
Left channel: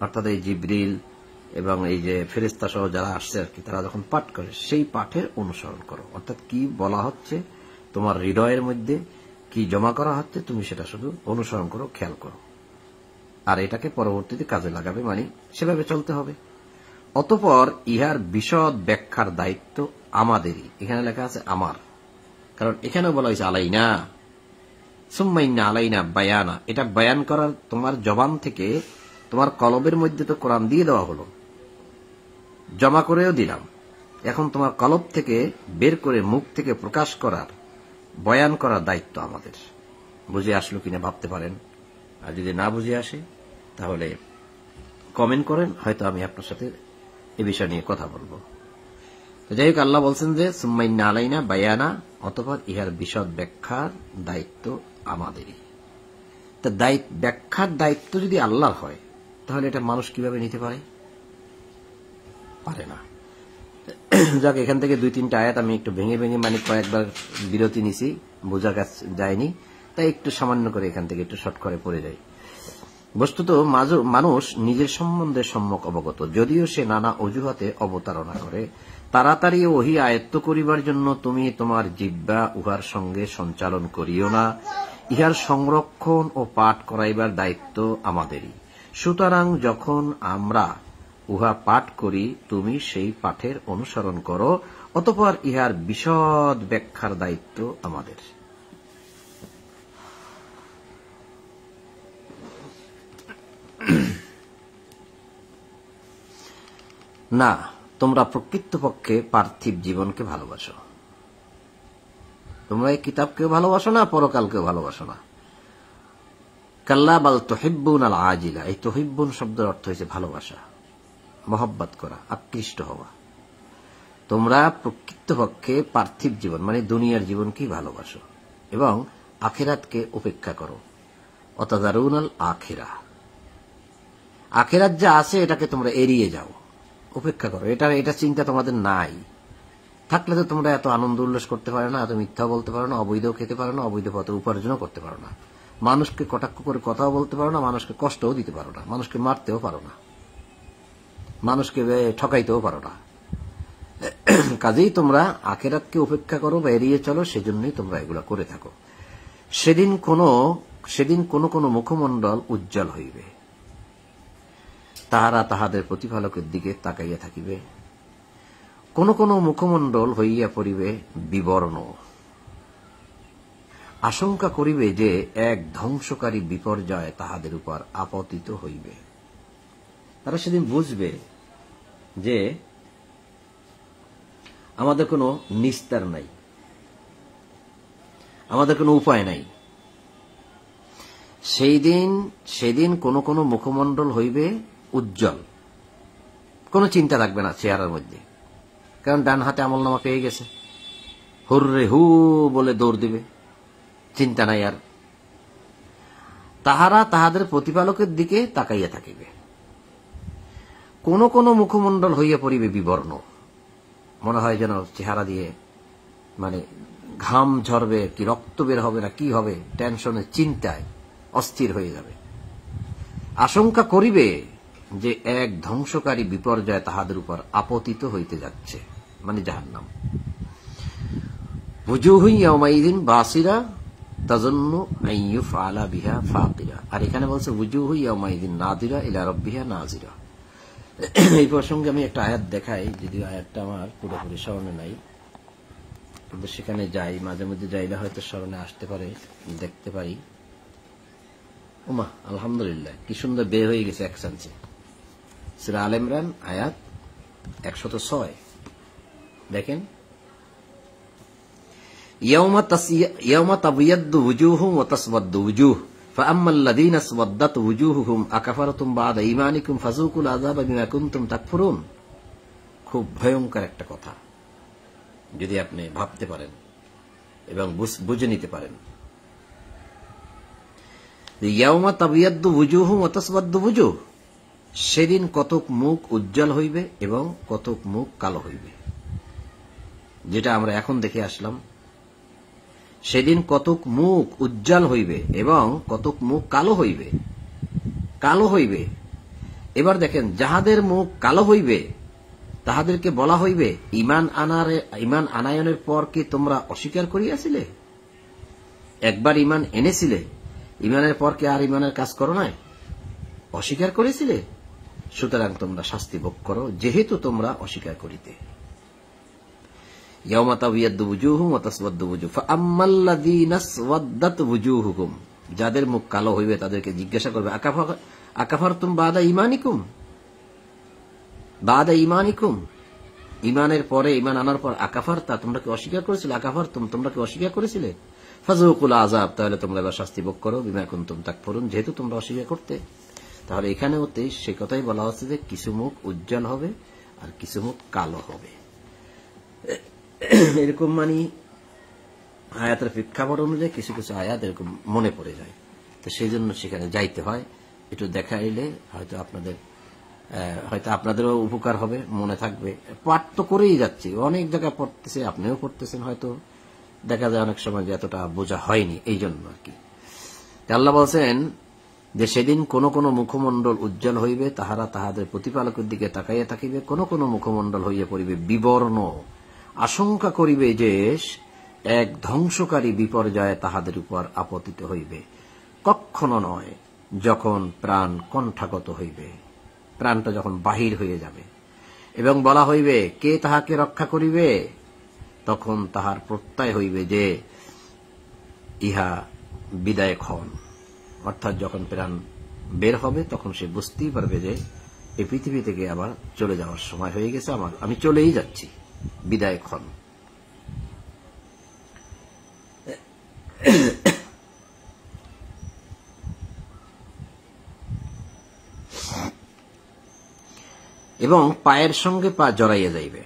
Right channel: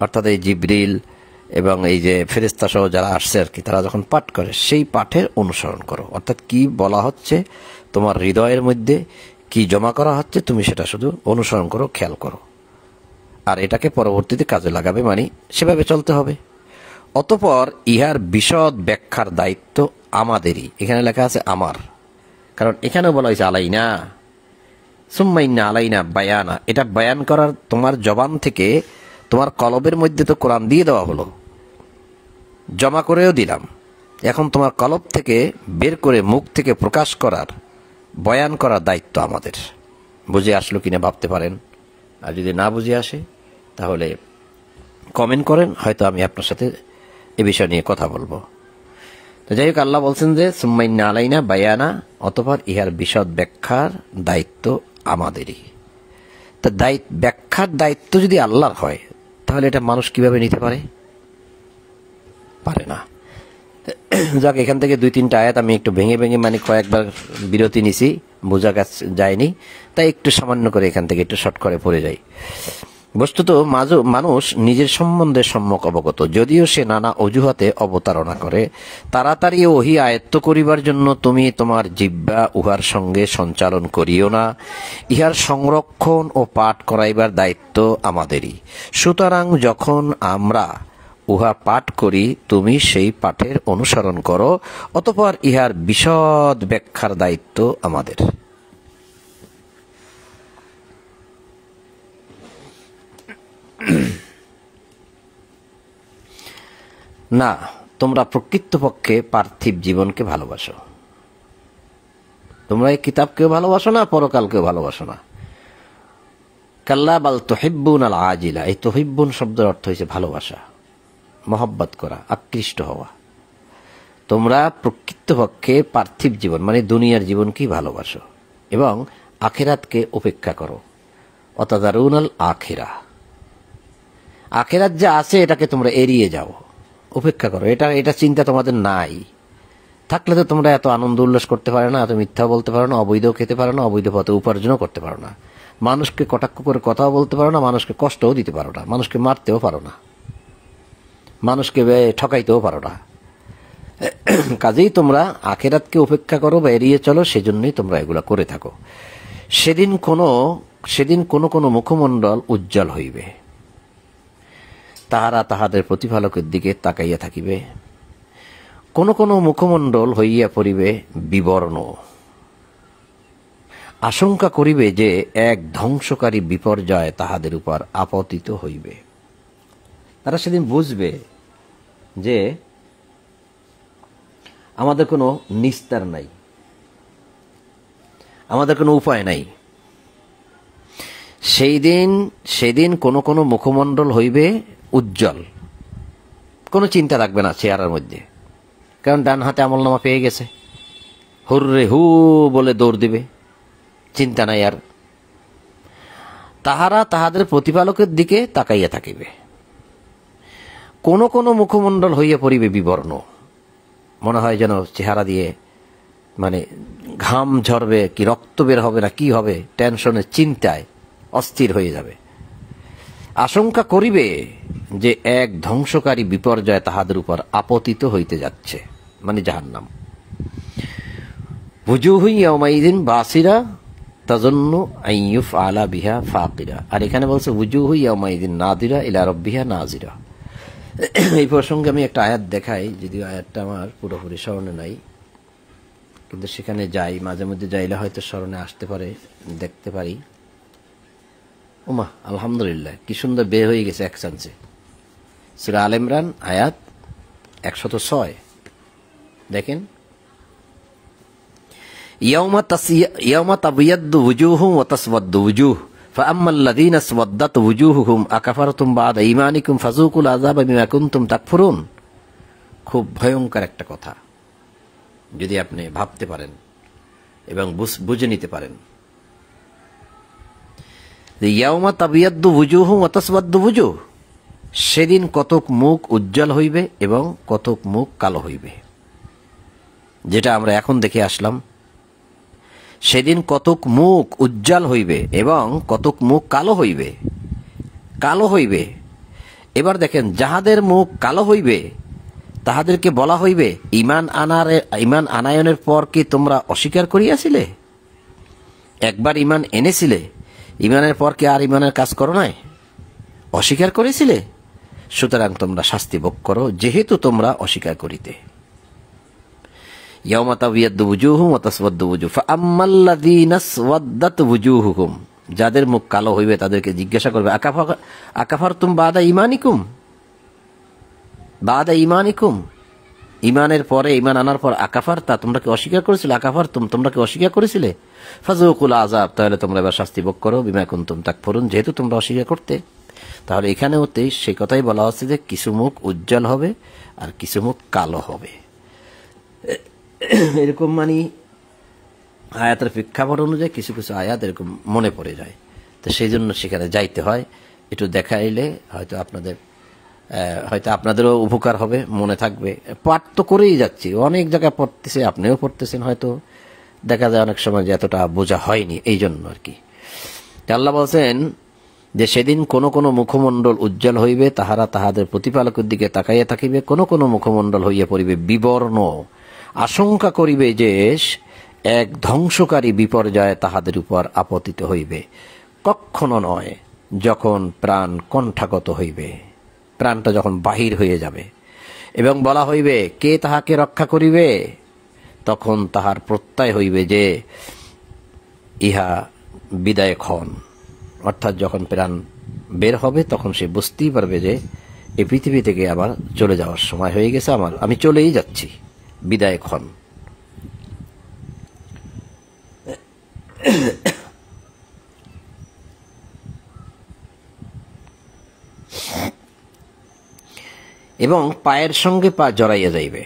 অর্থাৎ এই জিবরিল এবং এই যে ফেরেশতা সহ যারা আসছে আর কি, তারা যখন পাঠ করে সেই পাঠের অনুসরণ করো। অর্থাৎ কি বলা হচ্ছে, তোমার হৃদয়ের মধ্যে কি জমা করা হচ্ছে, তুমি সেটা শুধু অনুসরণ করো, খেয়াল করো, আর এটাকে পরবর্তীতে কাজে লাগাবে, মানে সেভাবে চলতে হবে। অতঃপর ইহার বিশদ ব্যাখ্যার দায়িত্ব আমাদেরই। এখানে লেখা আছে আমার, কারণ এখানেও বলা হয়েছে আলাইনা, সুম্মাইন্না আলাইনা বায়ানা। এটা বয়ান করার তোমার জবান থেকে, তোমার কলবের মধ্যে তো কোরআন দিয়ে দেওয়া হলো, জমা করেও দিলাম, এখন তোমার কলব থেকে বের করে মুখ থেকে প্রকাশ করার, বয়ান করার দায়িত্ব আমাদের। বুঝে আসলো কিনা ভাবতে পারেন, আর যদি না বুঝে আসে তাহলে কমেন্ট করেন, হয়তো আমি আপনার সাথে এ বিষয় নিয়ে কথা বলবো। তো যাই হোক, আল্লাহ বলছেন যে সুম্মাইন্না আলাইনা বায়ানা, অতঃপর ইহার বিশদ ব্যাখ্যার দায়িত্ব আমাদেরই। তা ব্যাখ্যার দায়িত্ব যদি আল্লাহর হয়, তাহলে এটা মানুষ কিভাবে নিতে পারে না। যাক, এখান থেকে 2-3টা আয়াত আমি একটু ভেঙে মানে কয়েকবার বিরতি নিছি, বোঝা যায়নি, তাই একটু সামান্য করে এখান থেকে একটু শর্ট করে পড়ে যাই। বস্তুত মানুষ নিজের সম্বন্ধে সম্যক অবগত, যদিও সে নানা অজুহাতে অবতারণা করে। তাড়াতাড়ি ওহী আয়ত্ত করিবার জন্য তুমি তোমার জিহ্বা উহার সঙ্গে সঞ্চালন করিও না। ইহার সংরক্ষণ ও পাঠ করাইবার দায়িত্ব আমাদেরই। সুতরাং যখন আমরা উহা পাঠ করি, তুমি সেই পাঠের অনুসরণ করো, অতঃপর ইহার বিশদ ব্যাখ্যার দায়িত্ব আমাদের। না, তোমরা প্রকৃতপক্ষে পার্থিব জীবনকে ভালোবাসো। তোমরা এই কিতাবকেও ভালোবাসো না, পরকালকেও ভালোবাসো না। কাল্লা বাল তুহিব্বুন আল আজিলা, এই তুহিব্বুন শব্দের অর্থ হয়েছে ভালোবাসা, মহব্বত করা, আকৃষ্ট হওয়া। তোমরা প্রকৃতপক্ষে পার্থিব জীবন মানে দুনিয়ার জীবনকেই ভালোবাসো এবং আখিরাতকে উপেক্ষা করো। অতাদারুনাল আখিরা, আখিরাত যা আছে এটাকে তোমরা এড়িয়ে যাও, উপেক্ষা করো। এটা চিন্তা তোমাদের নাই। থাকলে তো তোমরা এত আনন্দ উল্লাস করতে পারো না, এত মিথ্যা বলতে পারো না, অবৈধ খেতে পারো না, অবৈধ পথে উপার্জনও করতে পারো না, মানুষকে কটাক্ষ করে কথাও বলতে পারো না, মানুষকে কষ্টও দিতে পারো না, মানুষকে মারতেও পারো না, মানুষকে ঠকাইতেও পারো না। কাজেই তোমরা আখিরাতকে উপেক্ষা করো বা এড়িয়ে চলো, সেজন্যই তোমরা এগুলা করে থাকো। সেদিন কোন মুখমণ্ডল উজ্জ্বল হইবে, তাহারা তাহাদের প্রতিপালকের দিকে তাকাইয়া থাকিবে। কোন মুখমণ্ডল হইয়া পড়িবে বিবর্ণ, আশঙ্কা করিবে যে এক ধ্বংসকারী বিপর্যয় তাহাদের উপর আপতিত হইবে। তারা সেদিন বুঝবে যে আমাদের কোনো নিস্তার নাই, আমাদের কোনো উপায় নাই। সেদিন কোন মুখমণ্ডল হইবে উজ্জ্বল, কোনো চিন্তা রাখবে না চেহারার মধ্যে, কারণ ডান হাতে আমলনামা পেয়ে গেছে, হুররে হু বলে দৌড় দিবে, চিন্তা নাই আর। তাহারা তাহাদের প্রতিপালকের দিকে তাকাইয়া থাকিবে। কোন মুখমণ্ডল হইয়া পড়িবে বিবর্ণ, মনে হয় যেন চেহারা দিয়ে মানে ঘাম ঝরবে, কি রক্ত বের হবে না কি হবে, টেনশনে চিন্তায় অস্থির হয়ে যাবে। আশঙ্কা করিবে যে এক ধ্বংসকারী বিপর্যয় তাহাদের উপর আপতিত হইতে যাচ্ছে, মানে জাহান্নাম। ওয়ুজুহু ইয়াওমাইযিন বাসিরা তাযুন্নু আন ইউফআলা বিহা ফাকিরা। আর এখানে বলছে ওয়ুজুহু ইয়াওমাইযিন নাযিরা ইলা রাব্বিহা নাযিরা। এই প্রসঙ্গে আমি একটা আয়াত দেখাই, যদিও আয়াতটা আমার পুরোপুরি স্মরণে নাই, কিন্তু সেখানে যাই, মাঝে মধ্যে যাইলে হয়তো স্মরণে আসতে পারে, দেখতে পারি। ওমা আলহামদুলিল্লাহ, কি সুন্দর বের হয়ে গেছে এক চান্সে। সূরা আল ইমরান আয়াত 106 দেখেন, ইয়াওমা তাবিয়াদ্দু ওয়ুজুহুম ওয়া তাসওয়াদ্দু ওয়ুজুহ ফাআম্মাল্লাযীনা আসওয়াদ্দাত ওয়ুজুহুহুম আকাফারতুম বা'দা ঈমানিকুম ফাযুকুল আযাবা বিমা কুনতুম তাকফুরুন। খুব ভয়ঙ্কর একটা কথা, যদি আপনি ভাবতে পারেন এবং বুঝে নিতে পারেন। ইয়াওমা তাবিয়াদ্দু ওয়ুজুহুম ওয়া তাসওয়াদ্দু ওয়ুজুহ, সেদিন কতক মুখ উজ্জ্বল হইবে এবং কতক মুখ কালো হইবে, যেটা আমরা এখন দেখে আসলাম। সেদিন কতক মুখ উজ্জ্বল হইবে এবং কতক মুখ কালো হইবে। কালো হইবে, এবার দেখেন, যাহাদের মুখ কালো হইবে তাহাদেরকে বলা হইবে, ঈমান আনায়নের পর কি তোমরা অস্বীকার করিয়াছিলে? একবার ঈমান এনেছিলে, ঈমানের পর কি আর ঈমানের কাজ করো নাই? অস্বীকার করেছিলে, সুতরাং তোমরা শাস্তি ভোগ করো, যেহেতু তোমরা অস্বীকার করিতে। ইয়াওমা তাবিয়াদ্দু ওয়ুজুহুম ওয়া তাসওয়াদ্দু ওয়ুজুহ ফাআম্মাল্লাযীনা আসওয়াদ্দাত ওয়ুজুহুহুম, যাদের মুখ কালো হইবে তাদেরকে জিজ্ঞাসা করবে, আকাফারতুম বা'দা ঈমানিকুম, বা'দা ঈমানিকুম, ঈমানের পরে, ঈমান আনার পর আকাফারতা, তোমরা কি অস্বীকার করেছিলে? আকাফারতুম, তোমরা কি অস্বীকার করেছিলে? ফাযুকুল আযাব, তাহলে তোমরা এবার শাস্তি ভোগ করো, বিমা কুনতুম তাকফুরুন, যেহেতু তোমরা অস্বীকার করতে। তাহলে এখানেও সেই কথাই বলা হচ্ছে যে কিছু মুখ উজ্জ্বল হবে আর কিছু মুখ কালো হবে। এরকম মানে আয়াতের প্রেক্ষাপট অনুযায়ী কিছু কিছু আয়াত এরকম মনে পড়ে যায়, তো সেই জন্য সেখানে যাইতে হয়। একটু দেখাইলে হয়তো আপনাদেরও উপকার হবে, মনে থাকবে। পাঠ তো করেই যাচ্ছি, অনেক জায়গায় পড়তেছে, আপনিও পড়তেছেন, হয়তো দেখা যায় অনেক সময় যে এতটা বোঝা হয়নি, এই জন্য আর কি। আল্লাহ বলছেন যে সেদিন কোন কোন মুখমণ্ডল উজ্জ্বল হইবে, তাহারা তাহাদের প্রতিপালকের দিকে তাকাইয়া থাকিবে, কোন কোন মুখমণ্ডল হইয়া পড়িবে বিবর্ণ, আশঙ্কা করিবে যে এক ধ্বংসকারী বিপর্যয় তাহাদের উপর আপতিত হইবে। কখনো নয়, যখন প্রাণ কণ্ঠাগত হইবে, প্রাণটা যখন বাহির হয়ে যাবে, এবং বলা হইবে কে তাহাকে রক্ষা করিবে, তখন তাহার প্রত্যয় হইবে যে ইহা বিদায় ক্ষণ, অর্থাৎ যখন প্রাণ বের হবে তখন সে বুঝতেই পারবে যে এই পৃথিবী থেকে আবার চলে যাওয়ার সময় হয়ে গেছে, আমি চলেই যাচ্ছি, বিদায় ক্ষণ। এবং পায়ের সঙ্গে পা জড়াইয়া যাইবে,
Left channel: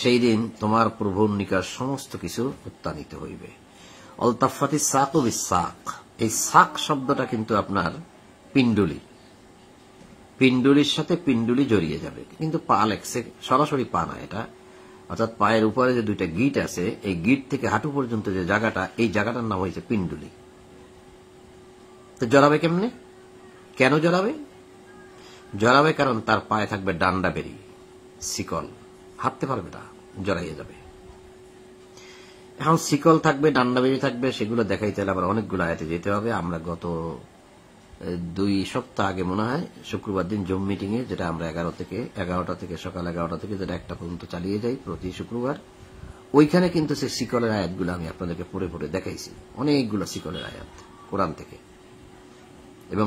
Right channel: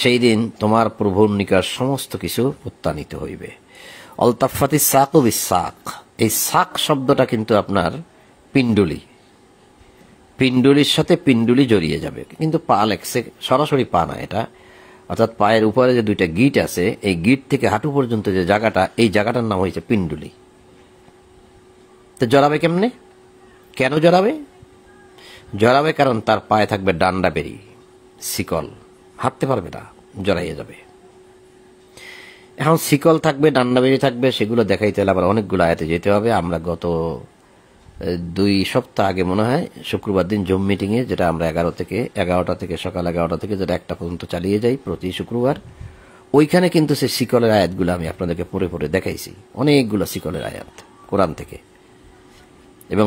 সেই দিন তোমার প্রভুর নিকট সমস্ত কিছু উত্থানিত হইবে। অলতাফাতি সাক ও বিসাক, এই সাক শব্দটা কিন্তু আপনার পিণ্ডুলি, পিণ্ডুলির সাথে পিণ্ডুলি জড়িয়ে যাবে, কিন্তু পা লেখছে, সরাসরি পা না এটা, অর্থাৎ পায়ের উপরে যে দুইটা গিট আছে, এই গিট থেকে হাঁটু পর্যন্ত যে জায়গাটা, এই জায়গাটার নাম হয়েছে পিণ্ডুলি। তো জড়াবে কেমনে? কেন জড়াবে? জড়াবে কারণ তার পায়ে থাকবে ডান্ডা বেরি, শিকল, হাঁটতে পারবে না, জড়াইয়া যাবে। এখন শিকল থাকবে, ডান্ডা বেরি থাকবে, সেগুলো দেখাইতে হলে আবার অনেকগুলো আয়াতে যেতে হবে। আমরা গত 2 সপ্তাহ আগে মনে হয় শুক্রবার দিন জুম মিটিং এ, যেটা আমরা 11টা থেকে সকাল 11টা থেকে যেটা 1টা পর্যন্ত চালিয়ে যাই প্রতি শুক্রবার, ওইখানে কিন্তু সে শিকলের আয়াতগুলো আমি আপনাদেরকে পড়ে পড়ে দেখাইছি, অনেকগুলো শিকলের আয়াত কোরআন থেকে। এবং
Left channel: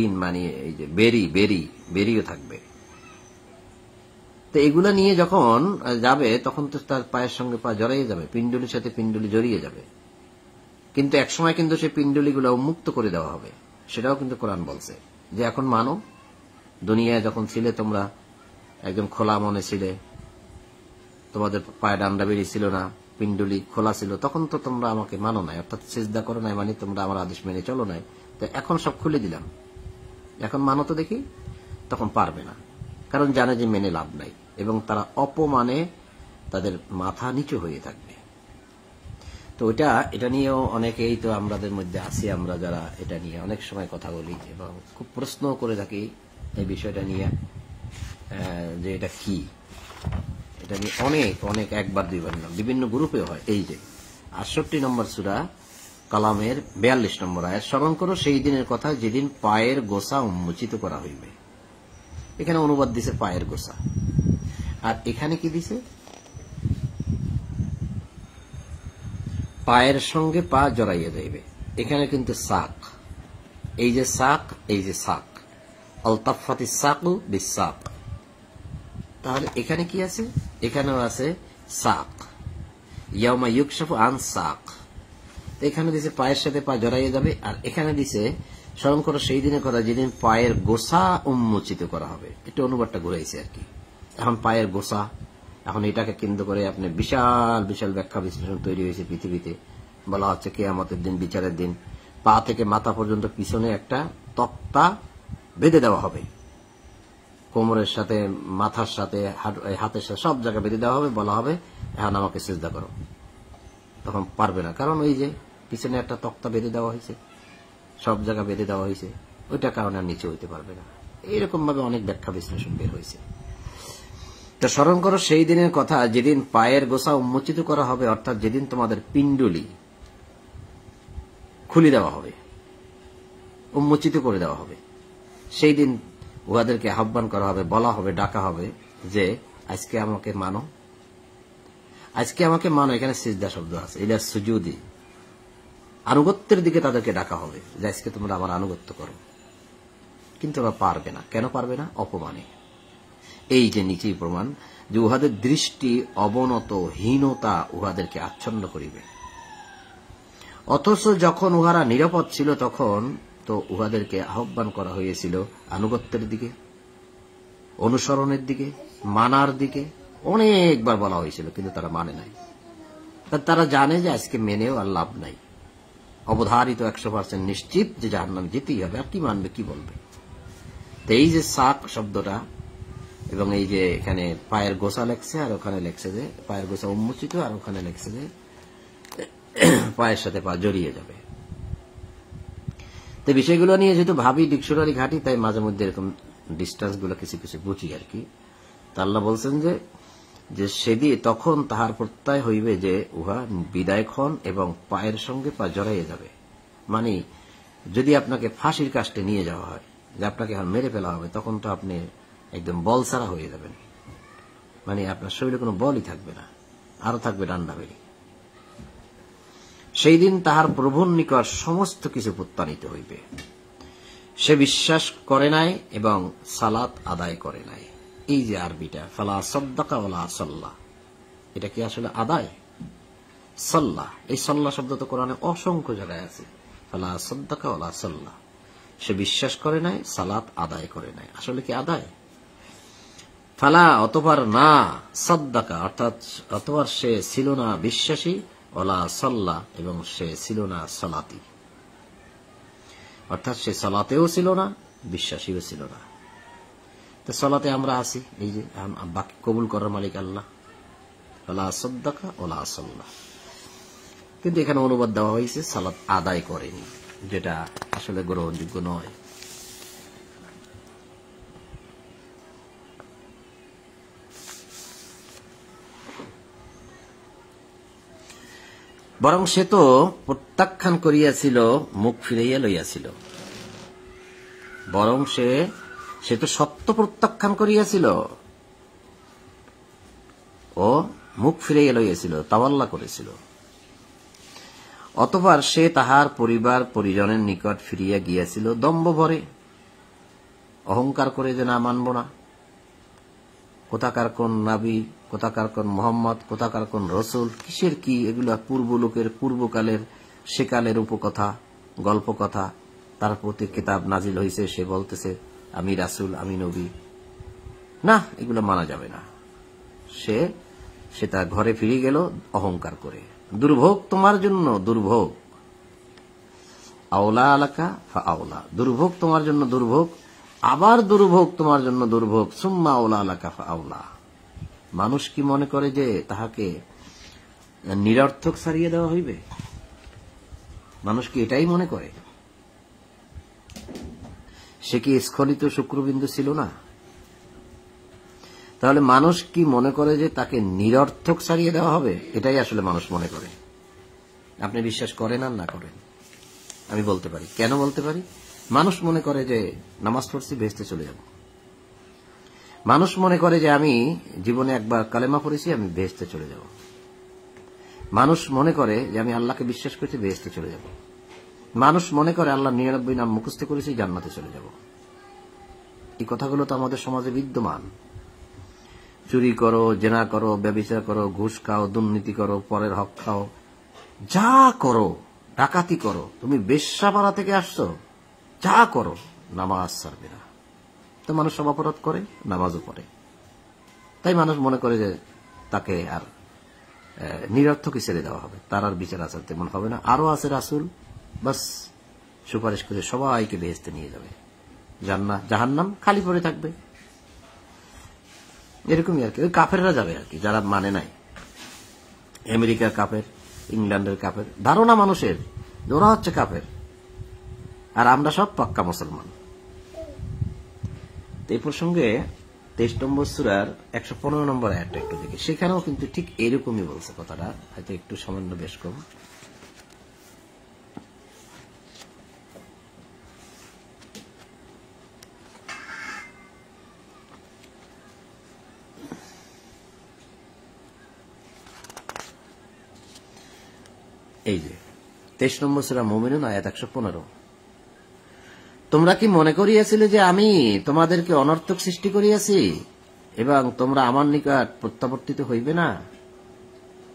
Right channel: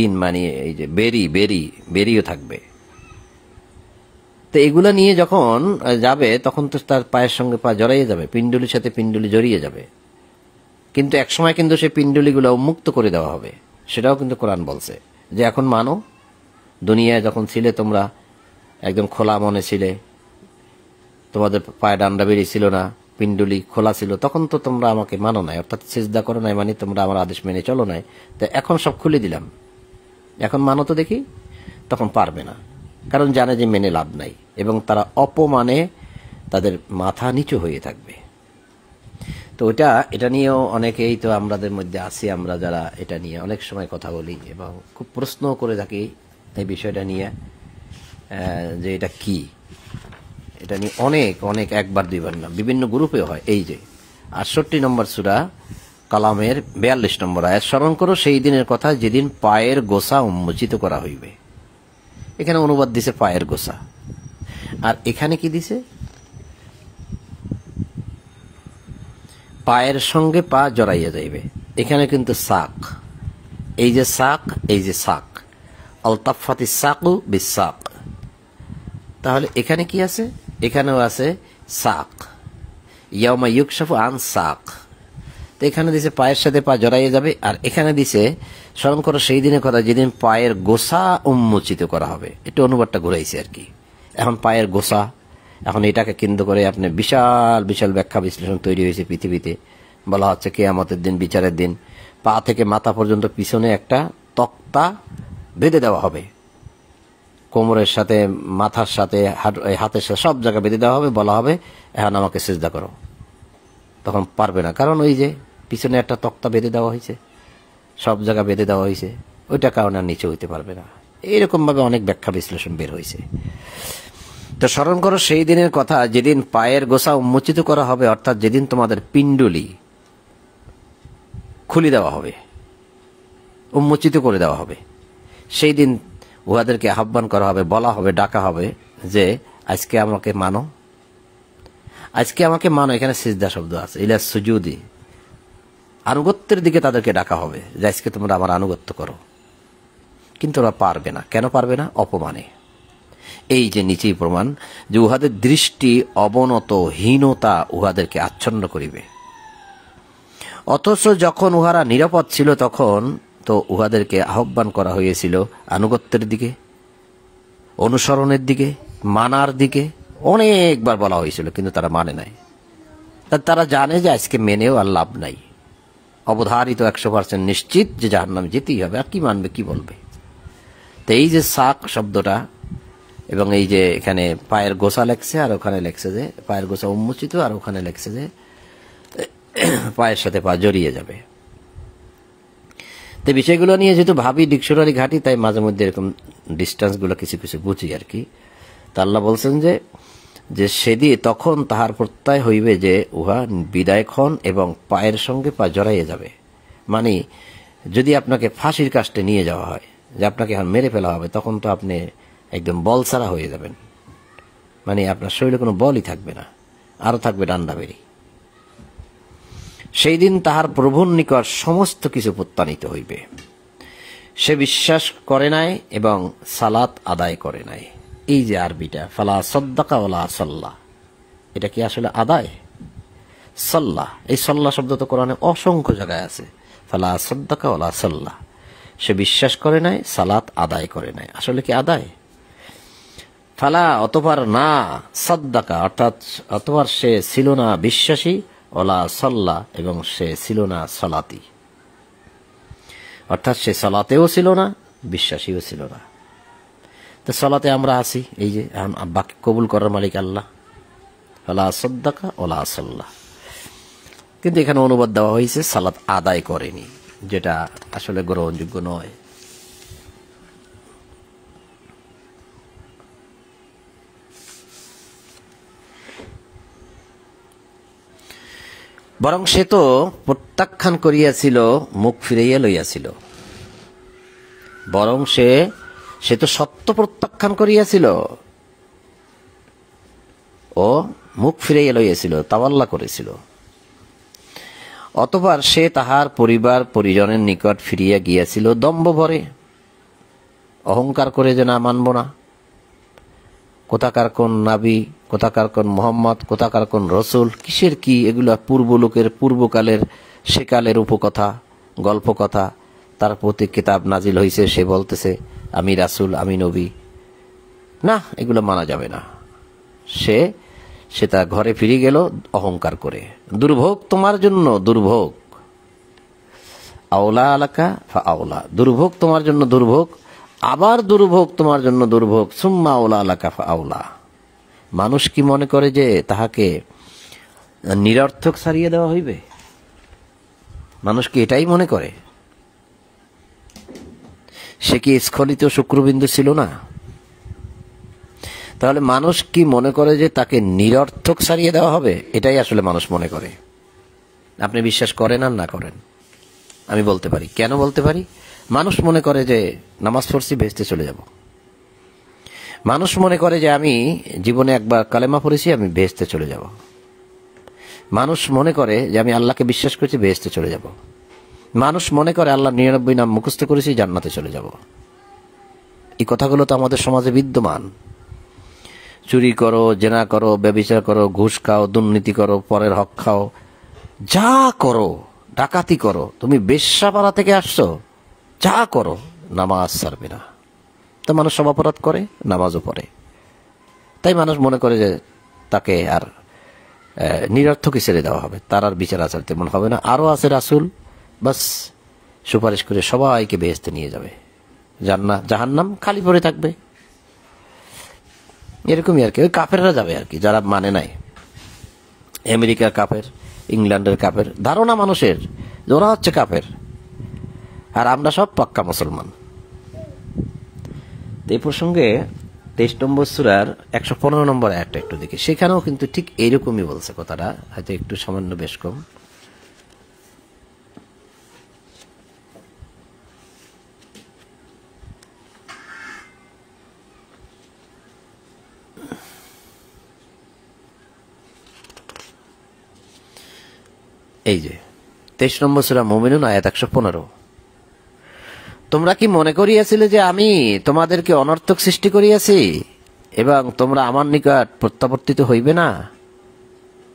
ঋণ মানে এই যে বেরিও থাকবে। তো এগুলা নিয়ে যখন যাবে তখন তো তার পায়ের সঙ্গে পা জড়াইয়ে যাবে, পিণ্ডুলির সাথে পিণ্ডুলি জড়িয়ে যাবে, কিন্তু একসময় কিন্তু সেই পিণ্ডুলিগুলো উন্মুক্ত করে দেওয়া হবে। সেটাও কিন্তু কোরআন বলছে যে এখন মানো, দুনিয়ায় যখন ছিলে তোমরা একদম খোলা মনে ছিলে, তোমাদের পায়ে ডান্ডা বেরিয়ে ছিল না, পিণ্ডুলি খোলা ছিল, তখন তো তোমরা আমাকে মানো নাই, অর্থাৎ সিজদা করো নাই, মানে তোমরা আমার আদেশ মেনে চলো নাই। তো এখন সব খুলে দিলাম, এখন মানো তো দেখি। তখন পারবে না, কারণ জানে যে মেনে লাভ নাই, এবং তারা অপমানে তাদের মাথা নিচু হয়ে থাকবে। তো এটা নিয়েও অনেকেই তো আমাদের মধ্যে আছি, আমরা যারা এটা নিয়ে অনেক সময় কথা বলি এবং খুব প্রশ্ন করে থাকি এই বিষয়টা নিয়ে, যে এটা কি, এটা নিয়ে অনেক অনেক একবার দুইবার না, বিভিন্ন গ্রুপে হয়। এই যে 68 নম্বর সূরা কালামের 42 নম্বর আয়াত, স্মরণ করো সেই দিনের কথা যেদিন পায়ের গোছা উন্মোচিত করা হইবে। এখানে অনুবাদ দিছে পায়ের গোছা, আর এখানে কি দিছে? পায়ের সঙ্গে পা জড়াইয়া যাইবে। এখানে কিন্তু সাক, এই যে সাক, এই যে সাক, আলতাফাতি সাকু বিসাক। তাহলে এখানে কি আছে? এখানেও আছে সাক, ইয়াউমা ইউকশাফু আন সাক। তো এখানে দিছে পায়ের সাথে পা জড়াইয়া যাবে, আর এখানে দিছে স্মরণ করো সেই দিনের কথা যেদিন পায়ের গোছা উন্মোচিত করা হবে। একটু অনুবাদটা ঘুরাইছে আর কি। এখন পায়ের গোছা, এখন এটাকে কেন্দ্র করে আপনি বিশাল বিশাল ব্যাখ্যা বিশ্লেষণ তৈরি হয়েছে পৃথিবীতে। বলা হচ্ছে কিয়ামতের দিন, বিচারের দিন, পা থেকে মাথা পর্যন্ত পিছনে একটা তক্তা বেঁধে দেওয়া হবে, কোমরের সাথে, মাথার সাথে, হাতের সাথে, সব জায়গায় বেঁধে দেওয়া হবে। বলা হবে এখন আমাকে সিজদা করো। তখন পারবে না, কারণ ওই যে পিছনে একটা তক্তা বেঁধে দেওয়া হয়েছে, সব জায়গা বেঁধে দেওয়া হয়েছে, ওইটা কারণে আর নিচে হইতে পারবে না। এইরকম ভাবে অনেক ব্যাখ্যা বিশ্লেষণ বের হয়েছে। তো স্মরণ করো সেই দিনের কথা যেদিন পায়ের গোছা উন্মোচিত করা হবে, অর্থাৎ যেদিন তোমাদের পিণ্ডলি খুলে দেওয়া হবে, উন্মোচিত করে দেওয়া হবে। সেই দিন উহাদেরকে আহ্বান করা হবে, বলা হবে, ডাকা হবে যে আজকে আমাকে মানো, আজকে আমাকে মানো। এখানে সিজদা শব্দ আছে, ইলা সুজুদি, আনুগত্যের দিকে তাদেরকে ডাকা হবে যে আজকে তোমরা আমার আনুগত্য করো। কিন্তু ওরা পারবে না। কেন পারবে না? অপমানে। এই যে নিচেই প্রমাণ যে উহাদের দৃষ্টি অবনত, হীনতা উহাদেরকে আচ্ছন্ন করিবে। অথচ যখন উহারা নিরাপদ ছিল তখন তো উহাদেরকে আহ্বান করা হয়েছিল আনুগত্যের দিকে, অনুসরণের দিকে, মানার দিকে। অনেকবার বলা হয়েছিল, কিন্তু তারা মানে নাই। তারা জানে যে আজকে মেনেও আর লাভ নাই, অবধারিত 100% নিশ্চিত যে জাহান্নামে যেতেই হবে, আর কি মানবে, কি বলবে। তো এই যে সাক শব্দটা, এবং এই যে এখানে পায়ের গোছা লেখছে, আর ওখানে লেখছে যে পায়ের গোছা উন্মোচিত, আর ওখানে লেখছে যে পায়ের সাথে পা জড়িয়ে যাবে। তো বিষয়গুলো নিয়ে যেহেতু ভাবি, ডিকশনারি ঘাটি, তাই মাঝে মধ্যে এরকম ডিস্টেন্স গুলো কিছু কিছু বুঝি আর কি। তা আল্লাহ বলছেন যে সেদিন তখন তাহার প্রত্যয় হইবে যে উহা বিদায়ক্ষণ এবং পায়ের সঙ্গে পা জড়াইয়া যাবে। মানে যদি আপনাকে ফাঁসির কাস্টে নিয়ে যাওয়া হয়, যে আপনাকে এখন মেরে ফেলা হবে, তখন তো আপনি একদম বল ছাড়া হয়ে যাবেন। মানে আপনার শরীরে কোনো বলই থাকবে না, আরো থাকবে ডান্ডা বেরি। সেই দিন তাহার প্রভুর নিকট সমস্ত কিছু প্রত্যানিত হইবে। সে বিশ্বাস করে নাই এবং সালাত আদায় করে নাই। এই যে আরবিটা ফালা সদ্দাকা ওয়ালা সাল্লাহ, এটা কি আসলে আদায়? সাল্লাহ, এই সাল্লাহ শব্দ তো কোরআনে অসংখ্য জায়গায় আছে। ফালা সদ্দাকা ওয়ালা সাল্লাহ, সে বিশ্বাস করে নাই, সালাত আদায় করে নাই। আসলে কি আদায়? ফালা অতঃপর না, সদ্দাকা অর্থাৎ অতঃপর সে ছিল না বিশ্বাসী, ওলা সাল্লাহ এবং সে ছিল না সালাতি, অর্থাৎ সে সালাতেও ছিল না, বিশ্বাসীও ছিল না। তো সালাতে আমরা আছি, এই যে বাকি কবুল করার মালিক আল্লাহ। ওলা সদ্দাকা ওলা সাল্লাহ, কিন্তু এখানে অনুবাদ দেওয়া হয়েছে সালাত আদায় করেনি, যেটা আসলে গ্রহণযোগ্য নয়। বরং সে তো প্রত্যাখ্যান করিয়াছিল, মুখ ফিরাইয়া লইয়াছিল। বরং সে তো সত্য প্রত্যাখ্যান করিয়াছিল ও মুখ ফিরাইয়া লইয়াছিল, তাওয়াল্লা করেছিল। অতঃপর সে তাহার পরিবার পরিজনের নিকট ফিরিয়া গিয়াছিল দম্ভ ভরে, অহংকার করে যে না মানব না, কোথাকার কোন নাবি, কোথাকার কোন মোহাম্মদ, কোথাকার কোন রসুল, কিসের কি এগুলা পূর্বলোকের, পূর্বকালের, সেকালের উপকথা, গল্প কথা। তার প্রতি কিতাব নাজিল হয়েছে, সে বলতেছে আমি রাসুল, আমি নবী। না, এগুলো মানা যাবে না। সে তার ঘরে ফিরে গেল অহংকার করে। দুর্ভোগ তোমার জন্য, দুর্ভোগ। আওলা আলাকা ফা আওলা, দুর্ভোগ তোমার জন্য দুর্ভোগ, আবার দুর্ভোগ তোমার জন্য দুর্ভোগ, সুম্মা আওলা আলাকা ফা আওলা। মানুষ কি মনে করে যে তাহাকে নিরর্থক ছাড়িয়ে দেওয়া হইবে? মানুষ কি এটাই মনে করে? সে কি স্খলিত শুক্রবিন্দু ছিল না? তাহলে মানুষ কি মনে করে যে তাকে নিরর্থক ছাড়িয়ে দেওয়া হবে? এটাই আসলে মানুষ মনে করে। আপনি বিশ্বাস করেন আর না করেন, আমি বলতে পারি। কেন বলতে পারি? মানুষ মনে করে যে নামাজ পড়ছি বেহেশতে চলে যাব। মানুষ মনে করে যে আমি জীবনে একবার কালেমা পড়েছি, আমি বেহেশতে চলে যাব। মানুষ মনে করে যে আমি আল্লাহকে বিশ্বাস করছি, বেহেশতে চলে যাব। মানুষ মনে করে আল্লাহ 99 নাম মুখস্থ করেছি, জান্নাতে চলে যাব। এই কথাগুলো তো আমাদের সমাজে বিদ্যমান। চুরি করো, জেনা করো, ব্যভিচার করো, ঘুষ খাও, দুর্নীতি করো, পরের হক খাও, যা করো, ডাকাতি করো, তুমি বেশ্যাপাড়া থেকে আসছো, যা করো, নামাজ ছাড়বে না। তো মানুষ সব অপরাধ করে, নামাজও পড়ে। তাই মানুষ মনে করে যে তাকে আর নিরর্থকই ছেড়ে দেওয়া হবে, তার আর বিচার আচার তেমন হবে না। আরো আছে রাসূল, বাস সুপারিশ করে সবাইকে বেহেশতে নিয়ে যাবে, জাহান্নাম খালি পড়ে থাকবে। এরকমই আর কি। ওই কাফেররা যাবে আর কি, যারা মানে নাই। আমেরিকার কাফের, ইংল্যান্ডের কাফের, ধারণা মানুষের যে ওরা হচ্ছে কাফের, আর আমরা সব পাক্কা মুসলমান। এই প্রসঙ্গে 23 নম্বর সূরার 115 নম্বর আয়াতটা একটু দেখি। সেখানেও কিন্তু ঠিক এইরকমই বলছে কথাটা, হয়তো একটু সামান্য বেশ কম। এই যে 23 নম্বর সূরা মুমিনুন আয়াত 115, তোমরা কি মনে করিয়াছিলে যে আমি তোমাদেরকে অনর্থক সৃষ্টি করিয়াছি এবং তোমরা আমার নিকট প্রত্যাবর্তিত হইবে না?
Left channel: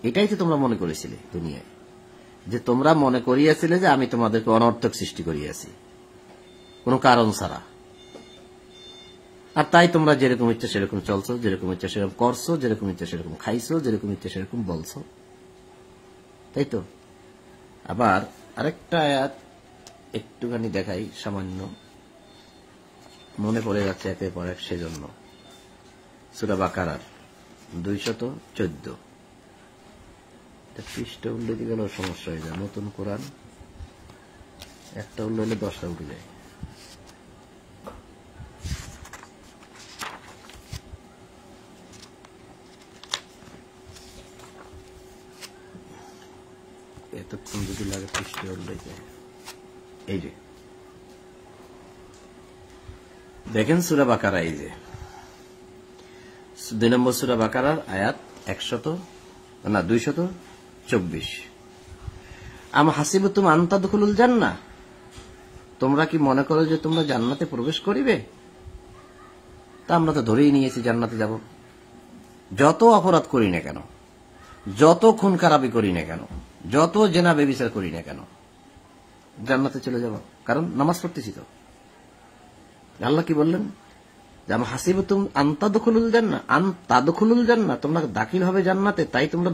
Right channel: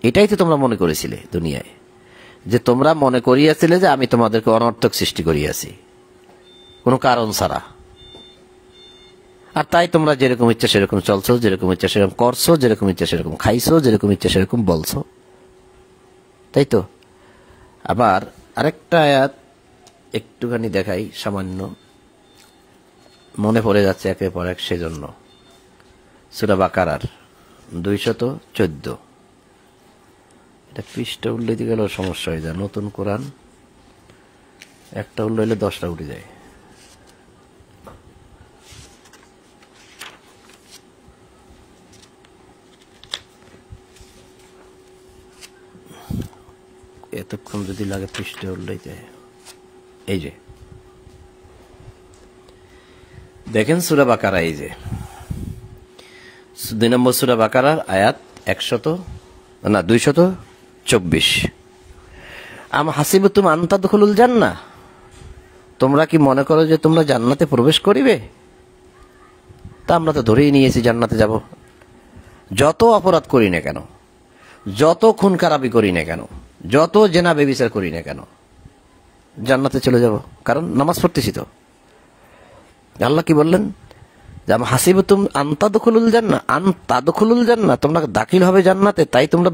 এটাই তো তোমরা মনে করেছিলে দুনিয়ায়, যে তোমরা মনে করিয়াছিলে যে আমি তোমাদেরকে অনর্থক সৃষ্টি করিয়াছি কোনো কারণ ছাড়া। আর তাই তোমরা যেরকম ইচ্ছা সেরকম চলছো, যেরকম ইচ্ছা সেরকম করছো, যেরকম ইচ্ছা সেরকম খাইছো, যেরকম ইচ্ছা সেরকম বলছো, তাই তো। আবার আরেকটা আয়াত একটুখানি দেখাই, সামান্য মনে পড়ে যাচ্ছে একের পর এক, সেজন্য। সূরা বাকারার 214, এটা পৃষ্ঠা উল্লে দিয়ে গেলেও সমস্যা হয়ে যায়। নতুন কোরআন একটা উল্লে হলে 10টা উঠে যায়। এতক্ষণ যদি লাগে পৃষ্ঠে উল্লেতে। এই যে দেখেন সূরা বাকারা, এই যে 2 নম্বর সূরা বাকারার আয়াত 224, আম হাসিবতুম আন তাদখুলুল জান্নাহ, তোমরা কি মনে করো যে তোমরা জান্নাতে প্রবেশ করিবে? তা আমরা তো ধরেই নিয়েছি জান্নাতে যাব। যত অপরাধ করি না কেন, যত খুন খারাপি করি না কেন, যত জেনা ব্যভিচার করি না কেন, জান্নাতে চলে যাব, কারণ নামাজ পড়তেছি তো। আল্লাহ কি বললেন? যে আম হাসিবতুম আন তাদখুলুল জান্নাহ, তোমরা দাখিল হবে জান্নাতে, তাই তোমরা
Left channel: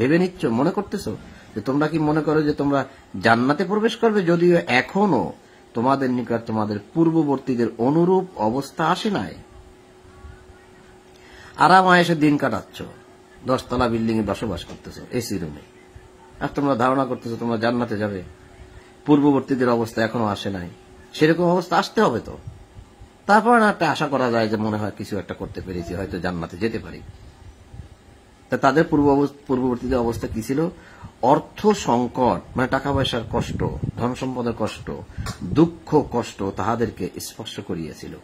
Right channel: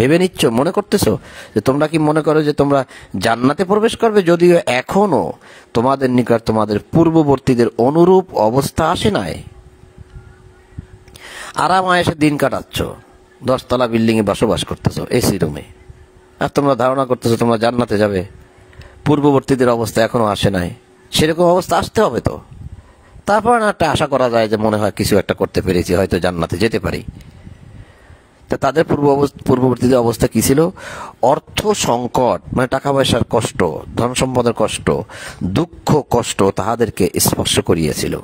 ভেবে নিচ্ছ, মনে করতেছো যে তোমরা কি মনে করো যে তোমরা জান্নাতে প্রবেশ করবে, যদিও এখনো তোমাদের নিকট তোমাদের পূর্ববর্তীদের অনুরূপ অবস্থা আসে নাই। আরাম আয়েশে দিন কাটাচ্ছ, 10 তলা বিল্ডিং এ বসবাস করতেছো, এসি রুমে, আর তোমরা ধারণা করতেছো তোমরা জান্নাতে যাবে। পূর্ববর্তীদের অবস্থা এখনো আসে নাই, সেরকম অবস্থা আসতে হবে তো, তারপর একটা আশা করা যায় যে মনে হয় কিছু একটা করতে পেরেছি, হয়তো জান্নাতে যেতে পারি। তা তাদের পূর্ববর্তীদের অবস্থা কি ছিল? অর্থ সংকট, মানে টাকা পয়সার কষ্ট, ধন সম্পদের কষ্ট, দুঃখ কষ্ট তাহাদেরকে স্পর্শ করিয়াছিল।